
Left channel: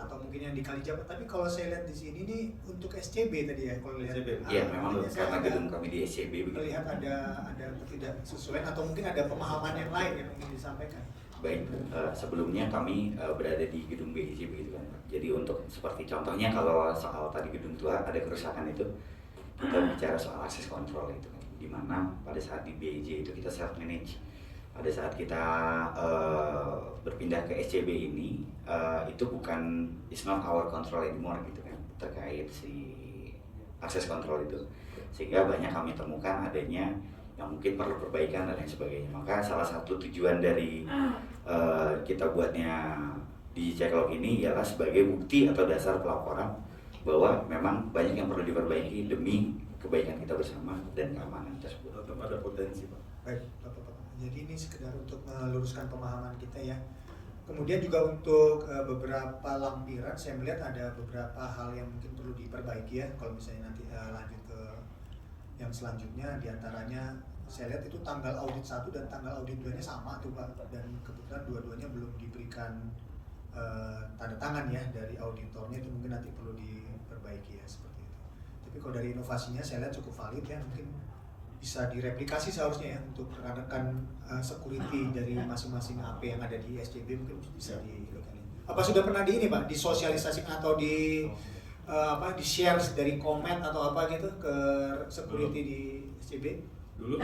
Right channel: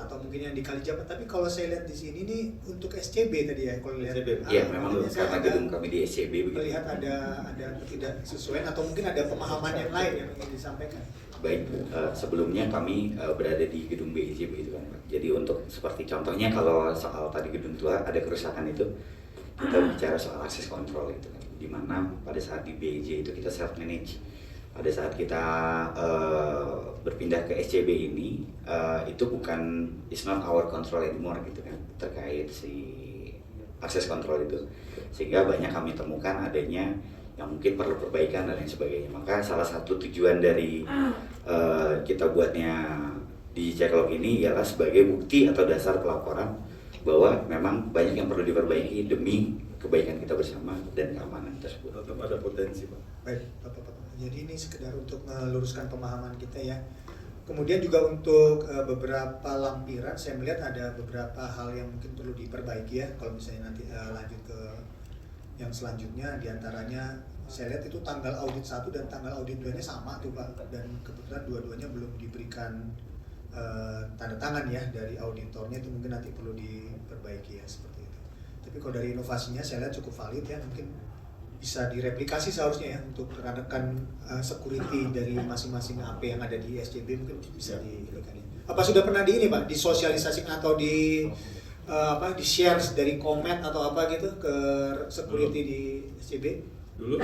Atau mungkin yang di Kalijabat. Tapi kalau saya lihat di sini nih untuk SCB tadi ya, kalau lihat Iya, memang karena gedung kami di SCB begitu. melihat ada ketidaksesuaian atau mungkin ada pemahaman yang lain yang ingin disampaikan. Baik, sebelumnya kami berada di gedung BIJ begitu kan. Jadi untuk seperti contohnya kalau soal tadi gedung tua ada kerusakan itu, kita bicara soal akses kontrol itu kan. Di mana pada saat di BIJ itu kita self manage. Pada saat kita berpindah ke SCB ini, itu bukan it's not our control anymore gitu kan, terkait si akses kontrol itu. Sehingga banyak kami temukan adanya yang mungkin perlu perbaikan dan lain sebagainya. Maka salah satu tujuan dari kita buatnya di Ceklok ini ialah sebagai bukti atau dasar pelaporan bahwa memang banyak yang perlu diperbaiki demi kebaikan kita bersama dan keamanan tersebut. Tetap ada potensi, Pak. Baik, Bapak-Bapak. Jadi ini sekedar untuk meluruskan pemahaman kita ya. Kemudian juga untuk beberapa lampiran saya melihat ada beberapa hal yang mungkin perlu diperbaiki ya. Kalau misalnya nanti lanjut ke yang selanjutnya, diantaranya saya lihat itu tanggal audit 1 dan tanggal audit 2-nya sama tuh Pak. Dan kebetulan dua-duanya belum diberikan tanda tangan ya dari auditornya, itu mungkin nanti perlu diperbaiki ya seperti itu. Tapi kalau dari inovasinya saya lihat cukup valid ya, mungkin bisa direplikasi seharusnya ya untuk rekan-rekan security dari masing-masing AP yang ada di SCB mungkin bisa diberikan. Apa sudah pernah di ini Pak, disosialisasikan atau di share dari komen atau apa gitu ke security di SCB? Dulu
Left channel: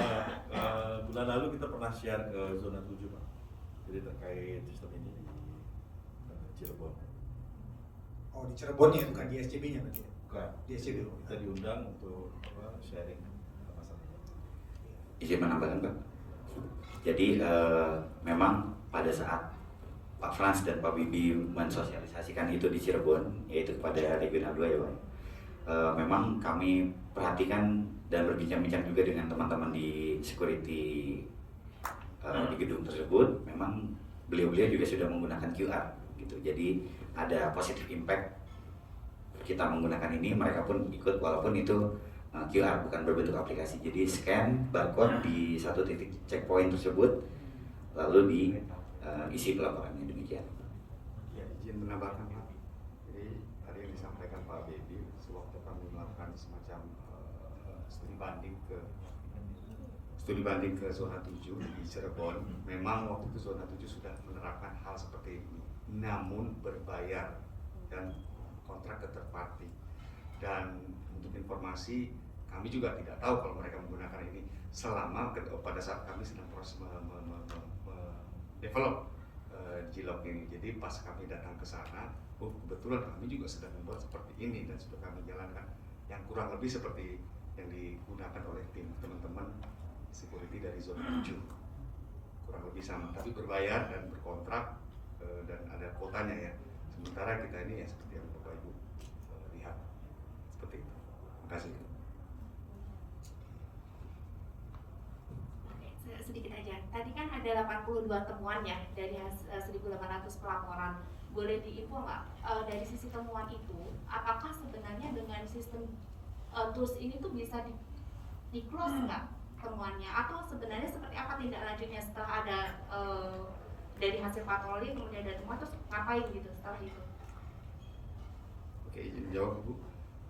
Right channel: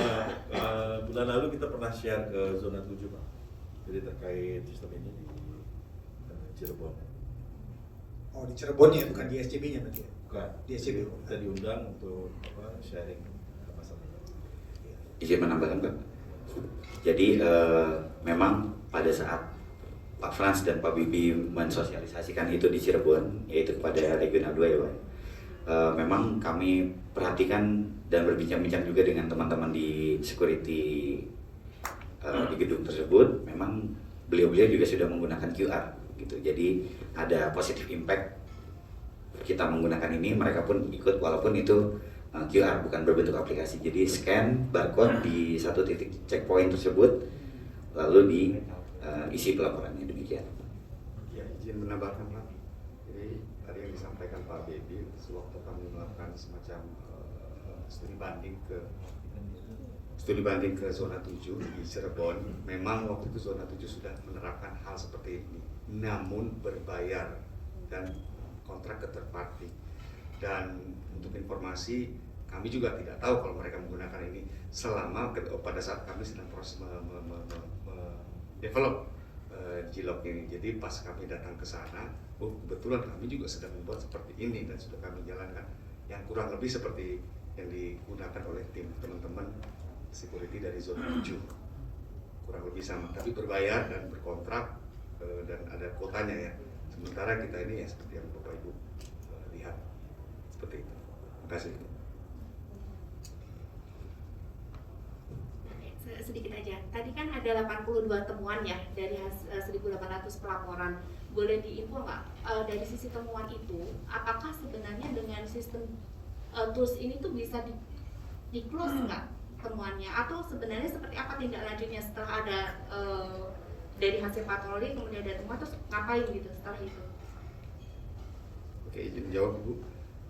bulan lalu kita pernah share ke zona 7 Pak. Jadi terkait sistem ini di Cirebon. Oh di Cirebon ya, bukan di SCB-nya berarti? Bukan. Di SCB. Kita diundang untuk sharing masalah. Izin menambahkan Pak. Jadi memang pada saat Pak Frans dan Pak Bibi mensosialisasikan itu di Cirebon, yaitu kepada Regional 2 ya Pak. Memang kami perhatikan dan berbincang-bincang juga dengan teman-teman di security di gedung tersebut. Memang beliau-beliau juga sudah menggunakan QR gitu. Jadi ada positive impact kita menggunakan ini, mereka pun ikut walaupun itu QR bukan berbentuk aplikasi. Jadi scan barcode di satu titik checkpoint tersebut lalu diisi pelaporannya, demikian. Ya, izin menambahkan Pak. Jadi tadi yang disampaikan Pak Bebi, sewaktu kami melakukan semacam studi banding ke zona 7 di Cirebon, memang waktu itu zona 7 sudah menerapkan hal seperti ini, namun berbayar dan kontrak ke third party. Dan untuk informasi, kami juga tidak tahu kalau mereka menggunakan ini selama pada saat kami sedang proses develop Cilok ini. Jadi pas kami datang ke sana, kebetulan kami juga sedang membuat seperti ini dan sudah kami jalankan, yang kurang lebih seperti yang digunakan oleh tim teman-teman security dari zona 7, kurang lebih sama, tapi berbayar dan berkontrak dan ada kuotanya ya. Sementara kita ini ya seperti yang Bapak Ibu lihat seperti itu. Terima kasih. Sedikit aja. Tadi kan ada 82 temuan ya dari 1.800 pelaporan. Boleh diinfo nggak dari sisi temuan itu, apakah sebenarnya dengan sistem tools ini tuh bisa di-close nggak temuannya, atau sebenarnya seperti apa tindak lanjutnya setelah ada dari hasil patroli kemudian ada temuan, terus ngapain gitu setelah itu? Oke, izin jawab Bu.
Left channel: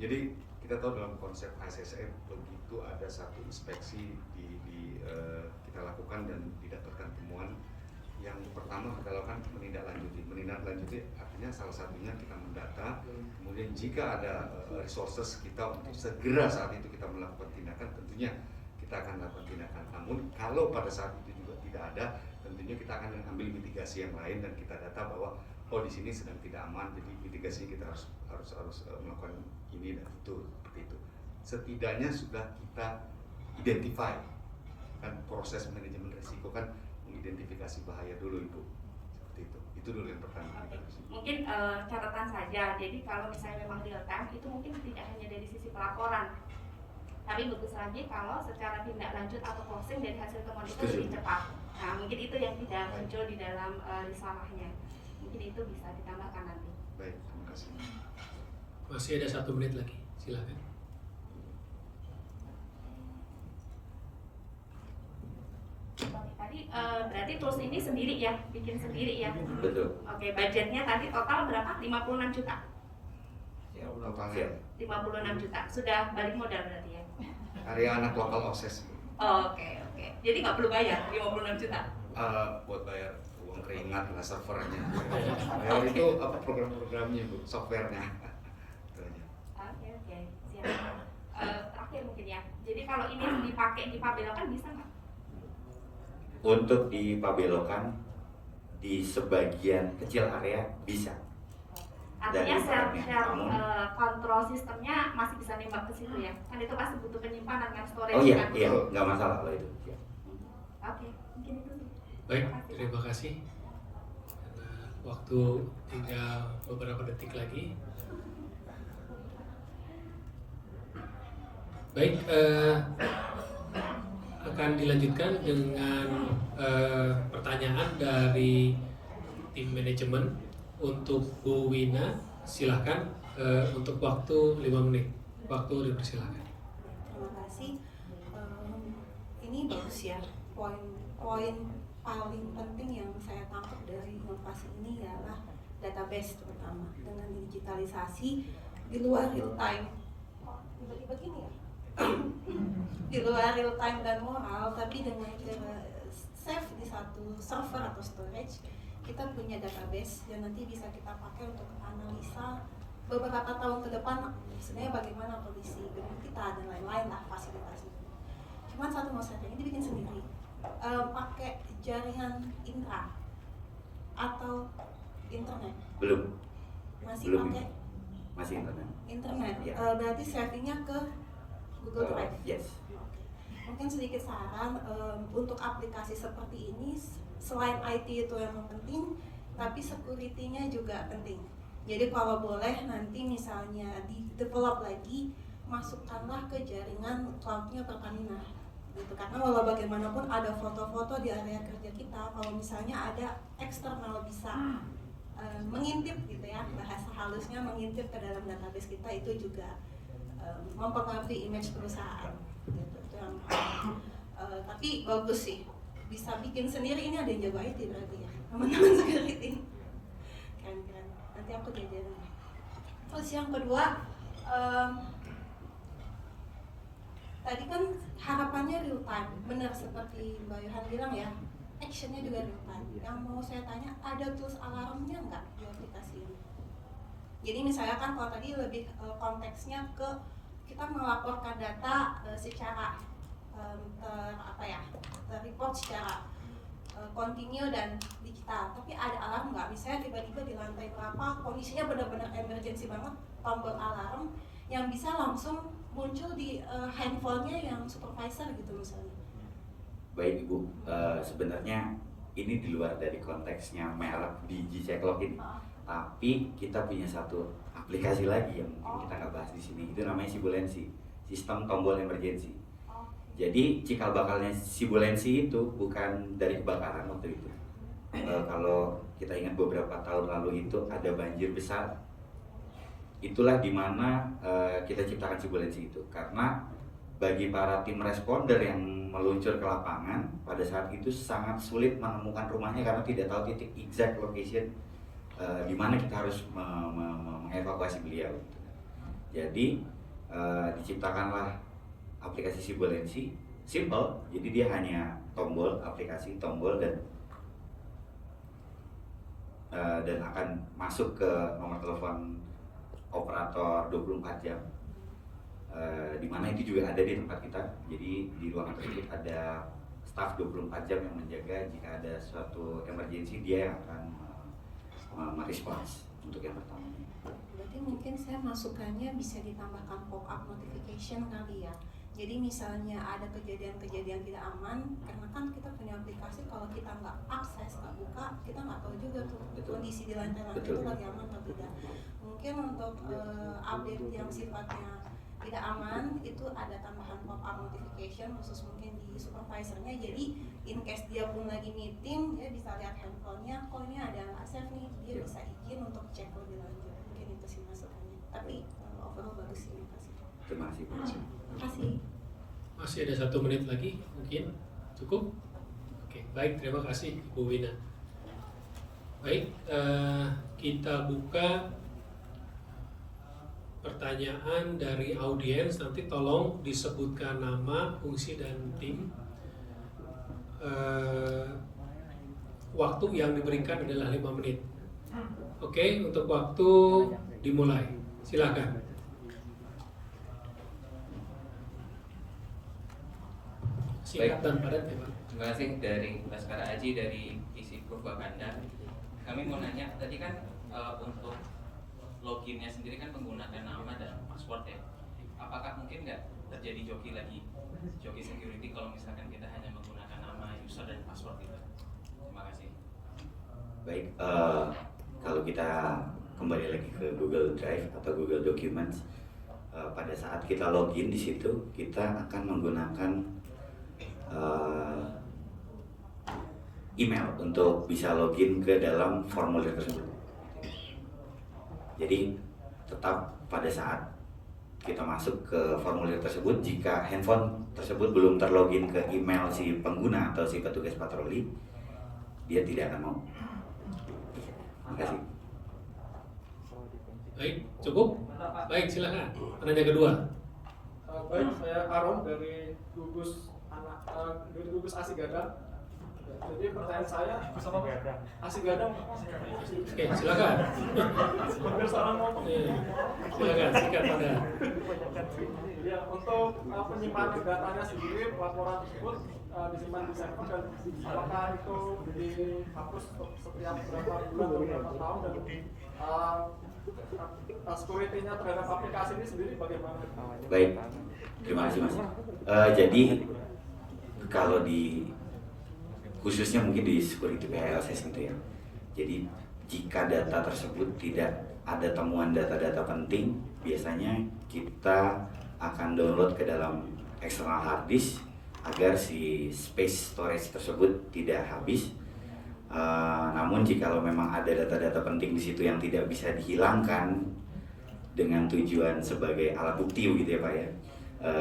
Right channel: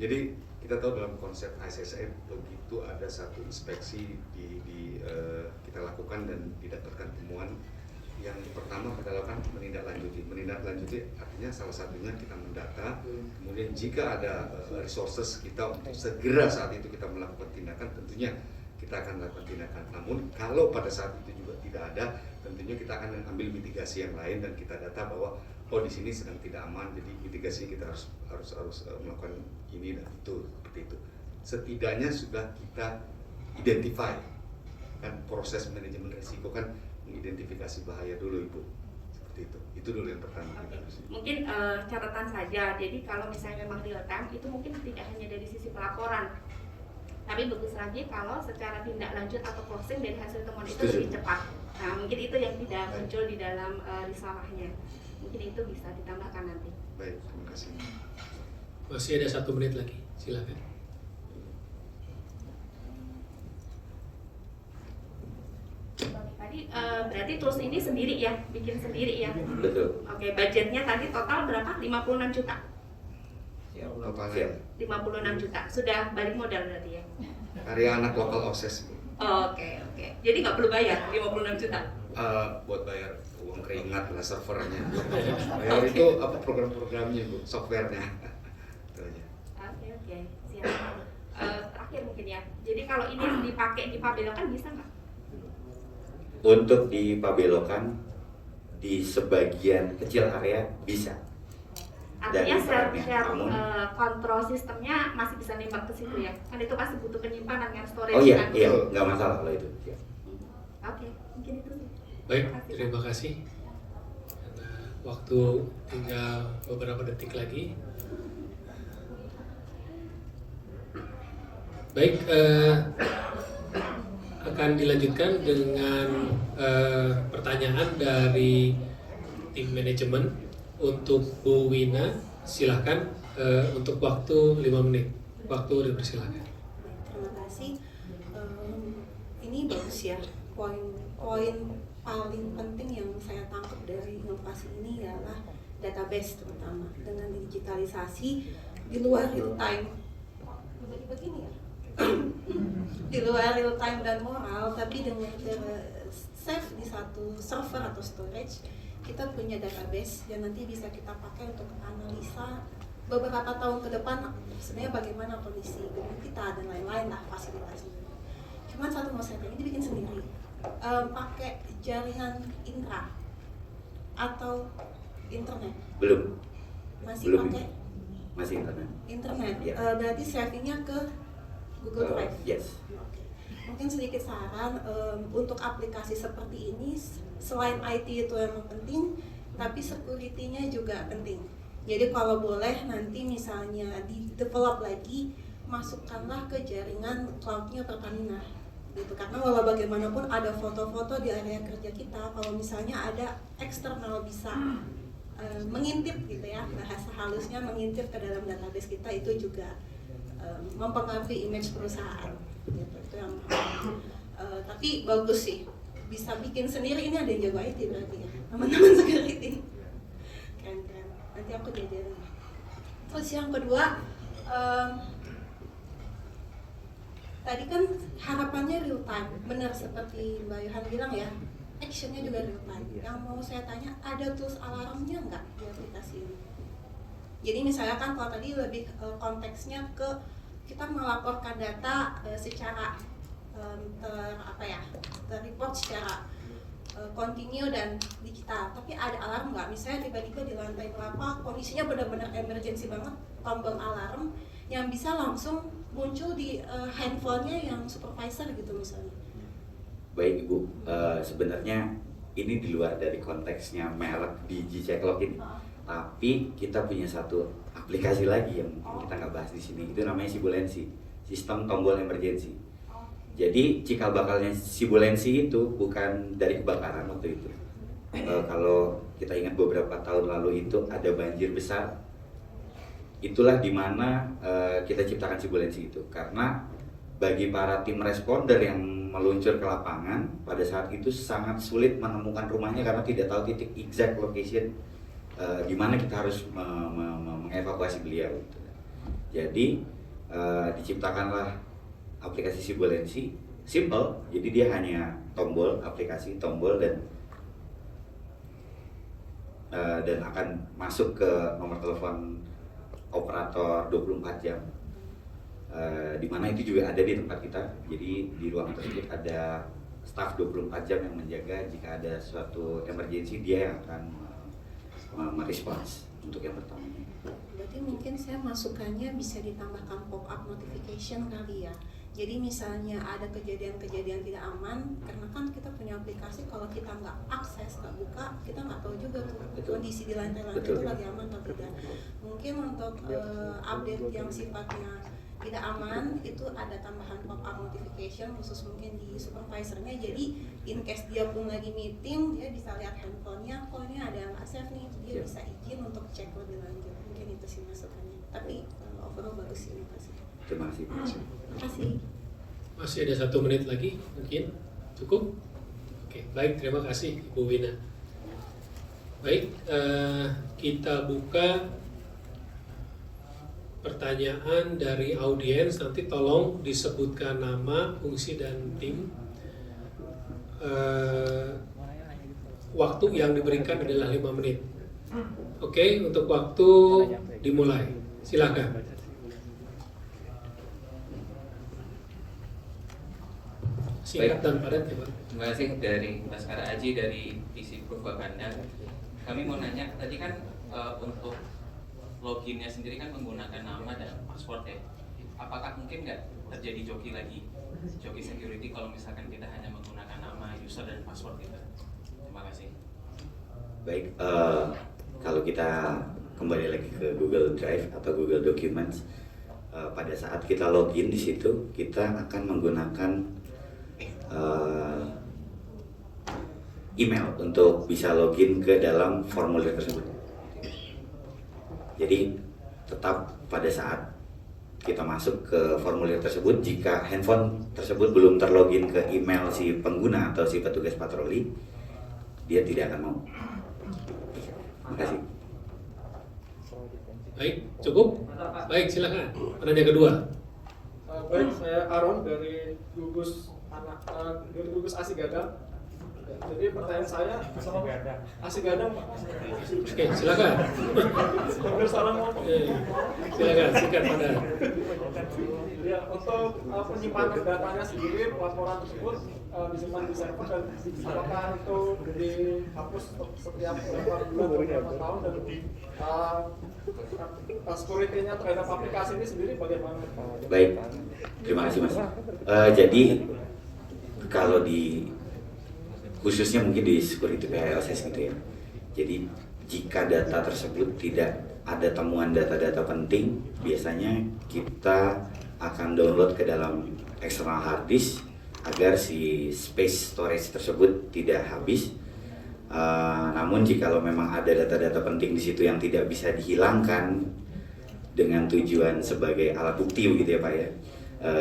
Jadi kita tahu dalam konsep ISSN begitu ada satu inspeksi kita lakukan dan didapatkan temuan, yang pertama kita lakukan menindaklanjuti artinya salah satunya kita mendata, kemudian jika ada resources kita untuk segera saat itu kita melakukan tindakan, tentunya kita akan melakukan tindakan. Namun kalau pada saat itu juga tidak ada, tentunya kita akan ambil mitigasi yang lain dan kita data bahwa di sini sedang tidak aman, jadi mitigasi kita harus melakukan ini dan itu, seperti itu. Setidaknya sudah kita identify kan, proses manajemen risiko kan mengidentifikasi bahaya dulu Ibu. seperti itu. Itu dulu yang pertama. Oke. Mungkin catatan saja. Jadi kalau misalnya memang real time itu mungkin tidak hanya dari sisi pelaporan, tapi bagus lagi kalau secara tindak lanjut atau closing dari hasil temuan itu Setuju. lebih cepat. Nah mungkin itu yang tidak muncul di dalam risalahnya. Mungkin itu bisa ditambahkan nanti. Baik, terima kasih. Masih ada 1 menit lagi, silakan. Tadi berarti tools ini sendiri ya, bikin sendiri ya. Betul. Oke, budgetnya tadi total berapa? 56 juta. Totalnya. 56 juta. Sudah balik modal berarti ya. Area anak lokal OSES, Bu. Oke. Jadi nggak perlu bayar 56 juta. Buat bayar uang keringat lah servernya. Bayar itu apa program-programnya, Bu, softwarenya. Itu aja. Oke, siap. Terakhir mungkin ya. Jadi kalau ini dipakai di pabelokan bisa nggak? Untuk di Pabelokan di sebagian kecil area bisa. Artinya Dari share namun, kontrol sistemnya masih bisa nembak ke situ ya? Kan itu pasti butuh penyimpanan kan, storage oh iya, kan? iya, nggak masalah kalau itu. Ya. Oke, mungkin itu sih. Baik, terima kasih. Karena waktu tinggal beberapa detik lagi. Baik, akan dilanjutkan dengan pertanyaan dari tim manajemen untuk Bu Wina. Silahkan untuk waktu 5 menit. Waktu dipersilakan. Terima kasih. Ini bagus ya. Poin paling penting yang saya tangkap dari inovasi ini adalah database terutama dengan digitalisasi di luar real time. Jadi begini ya. Di luar real time dan moral, tapi dengan save di satu server atau storage, kita punya database yang nanti bisa kita pakai untuk analisa beberapa tahun ke depan sebenarnya bagaimana kondisi gedung kita dan lain-lain lah fasilitasnya. Cuman satu mau saya tanya, ini bikin sendiri, pakai jaringan intra atau internet? Belum. Masih Belum. pakai Masih internet. Ya. Berarti savingnya ke Google Drive. Yes. Mungkin sedikit saran untuk aplikasi seperti ini, selain IT itu yang penting, tapi security-nya juga penting. Jadi kalau boleh nanti misalnya di develop lagi, masukkanlah ke jaringan cloud-nya Pertamina. Gitu. Karena walau bagaimanapun ada foto-foto di area kerja kita, kalau misalnya ada eksternal bisa mengintip gitu ya, bahasa halusnya mengintip ke dalam database kita, itu juga mempengaruhi image perusahaan gitu. Itu yang tapi bagus sih, bisa bikin sendiri. Ini ada yang jago IT berarti ya, teman-teman security. Keren-keren, nanti aku diajarin. Terus yang kedua, tadi kan harapannya real time, benar seperti Mbak Yohan bilang ya, actionnya juga real time. Yang mau saya tanya, ada tools alarmnya nggak di aplikasi ini? Jadi misalnya kan kalau tadi lebih konteksnya ke kita melaporkan data secara terreport secara kontinu dan digital. Tapi ada alarm nggak? Misalnya tiba-tiba di lantai berapa kondisinya benar-benar emergency banget, tombol alarm yang bisa langsung muncul di handphonenya yang supervisor gitu misalnya. Baik Ibu, sebenarnya ini di luar dari konteksnya merek di G-Check Login. Tapi kita punya satu aplikasi lagi yang mungkin kita nggak bahas di sini. Itu namanya Sibulensi, sistem tombol emergency. Jadi cikal bakalnya Sibulensi itu bukan dari kebakaran waktu itu. Kalau kita ingat beberapa tahun lalu itu ada banjir besar. Itulah dimana kita ciptakan Sibulensi itu. Karena bagi para tim responder yang meluncur ke lapangan pada saat itu sangat sulit menemukan rumahnya karena tidak tahu titik exact location di mana kita harus mengevakuasi beliau. Jadi diciptakanlah aplikasi Sibulensi, simple. Jadi dia hanya tombol, aplikasi tombol dan akan masuk ke nomor telepon operator 24 jam. Di mana itu juga ada di tempat kita. Jadi di ruangan tersebut ada staf 24 jam yang menjaga. Jika ada suatu emergency, dia yang akan merespons untuk yang pertama. Berarti mungkin saya masukannya bisa ditambahkan pop-up notification kali ya. Jadi misalnya ada kejadian-kejadian tidak aman, karena kan kita punya aplikasi, kalau kita nggak akses, nggak buka, kita nggak tahu juga tuh kondisi di lantai-lantai itu lagi aman atau tidak. Mungkin untuk update yang sifatnya tidak aman, itu ada tambahan pop-up notification khusus mungkin di supervisornya. Jadi in case dia pun lagi meeting, dia bisa lihat handphonenya, kok ini ada nggak save nih, dia bisa izin untuk cek lebih lanjut. Mungkin itu sih masukannya. Tapi overall bagus sih, makasih. Terima kasih. Terima kasih. Masih ada 1 menit lagi, mungkin cukup. Oke, baik, terima kasih Ibu Wina. Baik, kita buka pertanyaan dari audiens. Nanti tolong disebutkan nama, fungsi, dan tim. Waktu yang diberikan adalah 5 menit. Oke, untuk waktu dimulai. Silakan. Singkat dan padat ya Pak. Terima kasih dari Mas Kara Aji dari PC Proof Wakanda. Kami mau nanya, tadi kan untuk loginnya sendiri kan menggunakan nama dan password ya. Apakah mungkin nggak terjadi joki security kalau misalkan kita hanya menggunakan nama, user, dan password gitu? Terima kasih. Baik, kalau kita kembali lagi ke Google Drive atau Google Documents, pada saat kita login di situ, kita akan menggunakan email untuk bisa login ke dalam formulir tersebut. Jadi tetap pada saat kita masuk ke formulir tersebut, jika handphone tersebut belum terlogin ke email si pengguna atau si petugas patroli, dia tidak akan mau. Terima kasih. Baik, cukup? Baik, silakan. Penanya kedua. Baik, saya Aaron dari gugus Asigada. Jadi pertanyaan saya, Asigada. Oke, silakan. Silakan, sikat pada. Ya, untuk penyimpanan datanya sendiri, laporan tersebut disimpan di server, dan apakah itu dihapus setiap berapa tahun, dan security-nya terhadap aplikasi ini sendiri bagaimana? Baik, terima kasih Mas. Jadi kalau di khususnya mungkin di security PHLSS gitu ya. Jadi jika data tersebut tidak ada temuan data-data penting, biasanya kita akan download ke dalam external hard disk agar si space storage tersebut tidak habis. Namun jikalau memang ada data-data penting di situ yang tidak bisa dihilangkan dengan tujuan sebagai alat bukti gitu ya Pak ya,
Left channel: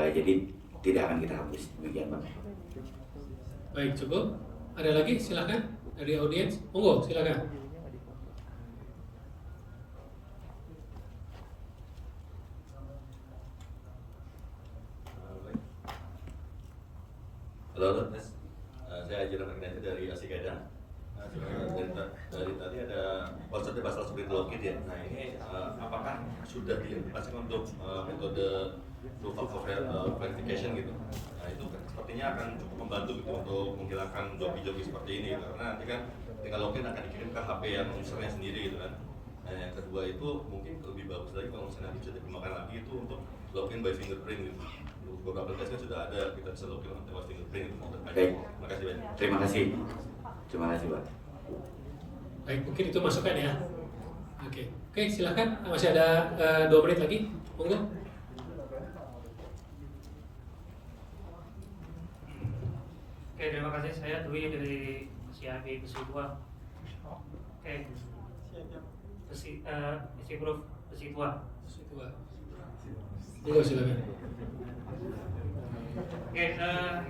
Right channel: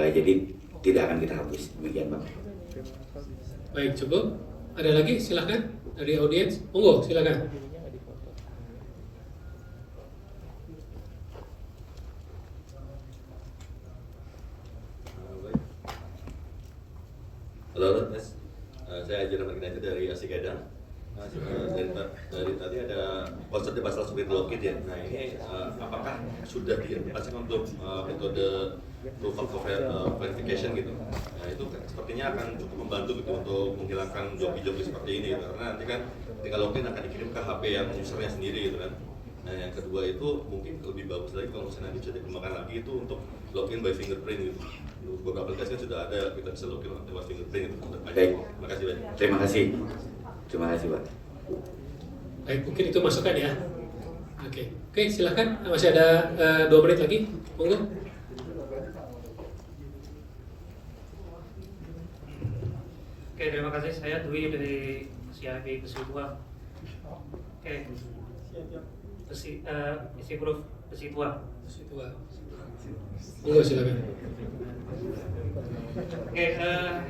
jadi tidak akan kita hapus. Demikian Pak. Baik, cukup. Ada lagi? Silakan dari audiens. Monggo, silakan. Halo Mas, saya Aji Rahman dari Asigada. Dari tadi ada konsepnya masalah security login ya. Nah ini apakah sudah dipasang untuk metode proof of verification gitu? Nah itu sepertinya akan cukup membantu gitu untuk menghilangkan joki-joki seperti ini gitu. Karena nanti kan tinggal login akan dikirim ke HP yang usernya sendiri gitu kan. Nah yang kedua itu mungkin lebih bagus lagi kalau misalnya bisa dikembangkan lagi itu untuk login by fingerprint gitu. Beberapa aplikasi kan sudah ada, kita bisa login by fingerprint gitu. Baik. Terima kasih banyak. Terima kasih. Terima kasih Pak. Baik, mungkin itu masukan ya. Oke, silakan. Masih ada 2 menit lagi. Monggo. Oke, terima kasih. Saya Dwi dari CIB Besi Tua. Oke, Besi Proof Besi Tua. Monggo silakan. Oke,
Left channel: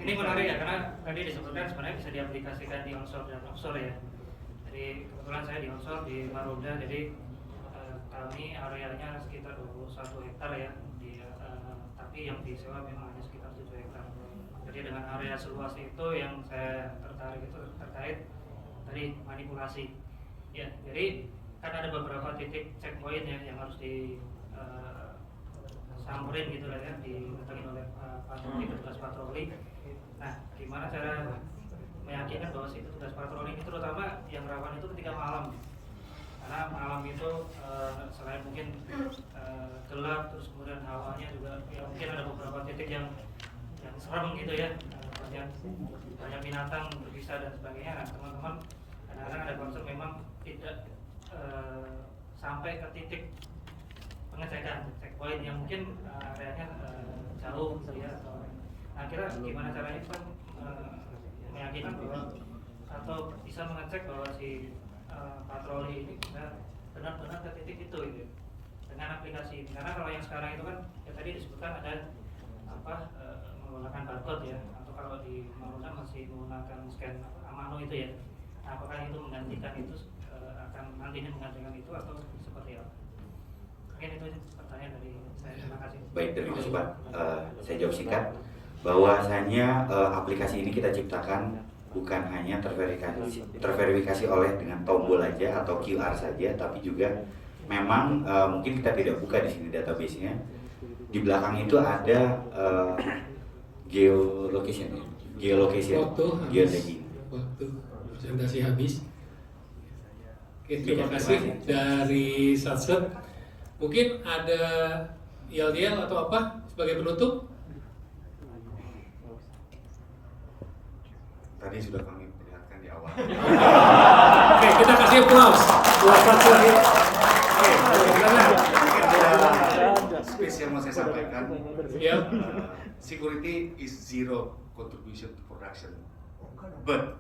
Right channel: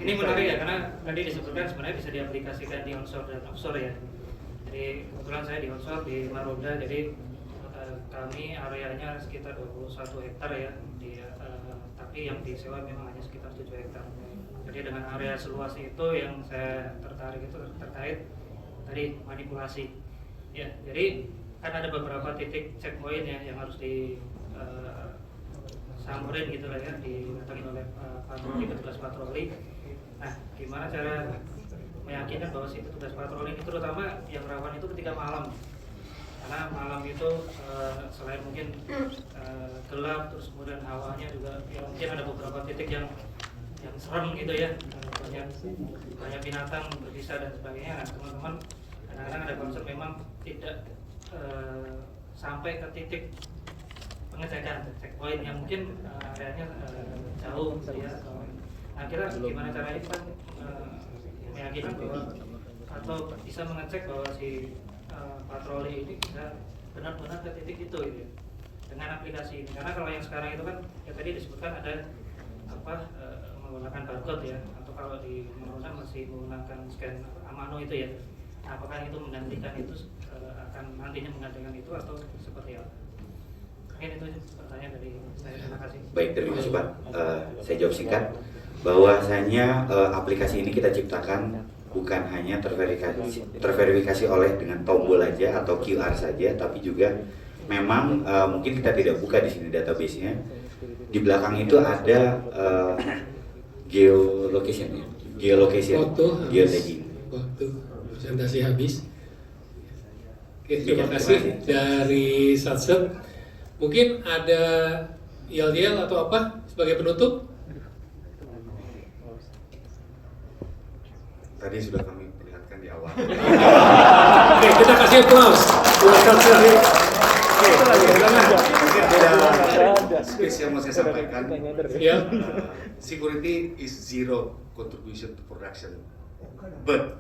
ini menarik ya, karena tadi disebutkan sebenarnya bisa diaplikasikan di onshore dan offshore ya. Jadi kebetulan saya di onshore di Marunda, jadi kami areanya sekitar 21 hektar ya, tapi yang disewa memang hanya sekitar 7 hektar. Jadi dengan area seluas itu yang saya tertarik itu terkait tadi manipulasi. Ya, jadi kan ada beberapa titik checkpoint ya yang harus samperin gitu lah ya, didatengin oleh patroli, petugas patroli. Nah, gimana cara meyakinkan bahwa si petugas patroli ini, terutama yang rawan itu ketika malam, karena malam itu selain mungkin gelap, terus kemudian hawanya juga ya mungkin ada beberapa titik yang yang serem gitu ya, banyak binatang berbisa dan sebagainya. Nah, teman-teman kadang-kadang ada konsep memang tidak sampai ke titik pengecekan checkpoint yang mungkin areanya jauh ya. Nah, kira gimana caranya kita meyakinkan bahwa atau bisa mengecek bahwa si patroli ini bisa benar-benar ke titik itu gitu, dengan aplikasi. Karena kalau yang sekarang itu kan ya tadi disebutkan ada menggunakan barcode ya, atau kalau di Maroda masih menggunakan scan Amano itu ya. Nah, apakah itu menggantikan itu akan nantinya menggantikan itu atau seperti apa? Mungkin itu pertanyaan dari saya. Terima kasih. Baik, terima kasih Pak. Saya jawab singkat bahwasanya aplikasi ini kita ciptakan bukan hanya terverifikasi oleh dengan tombol aja atau QR saja, tapi juga memang mungkin kita tidak buka di sini database-nya. Di belakang itu ada geolocation ya, geotagging. Waktu presentasi habis. Oke, terima kasih dari Satset. Mungkin ada yel-yel atau apa sebagai penutup? Tadi sudah kami perlihatkan di awal. Oke, kita kasih applause buat Satset ya. Oke, spesial mau saya sampaikan. Ya. Security is zero contribution to production, but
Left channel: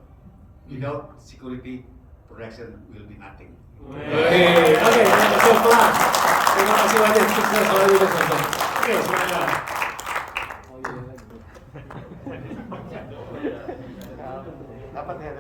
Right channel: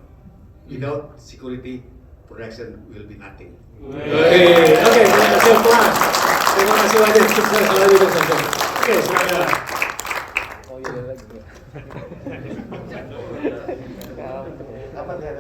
without security, production will be nothing. Oke, terima kasih applause. Terima kasih banyak. Sukses selalu untuk Satset. Oke, silakan. Dapat ya.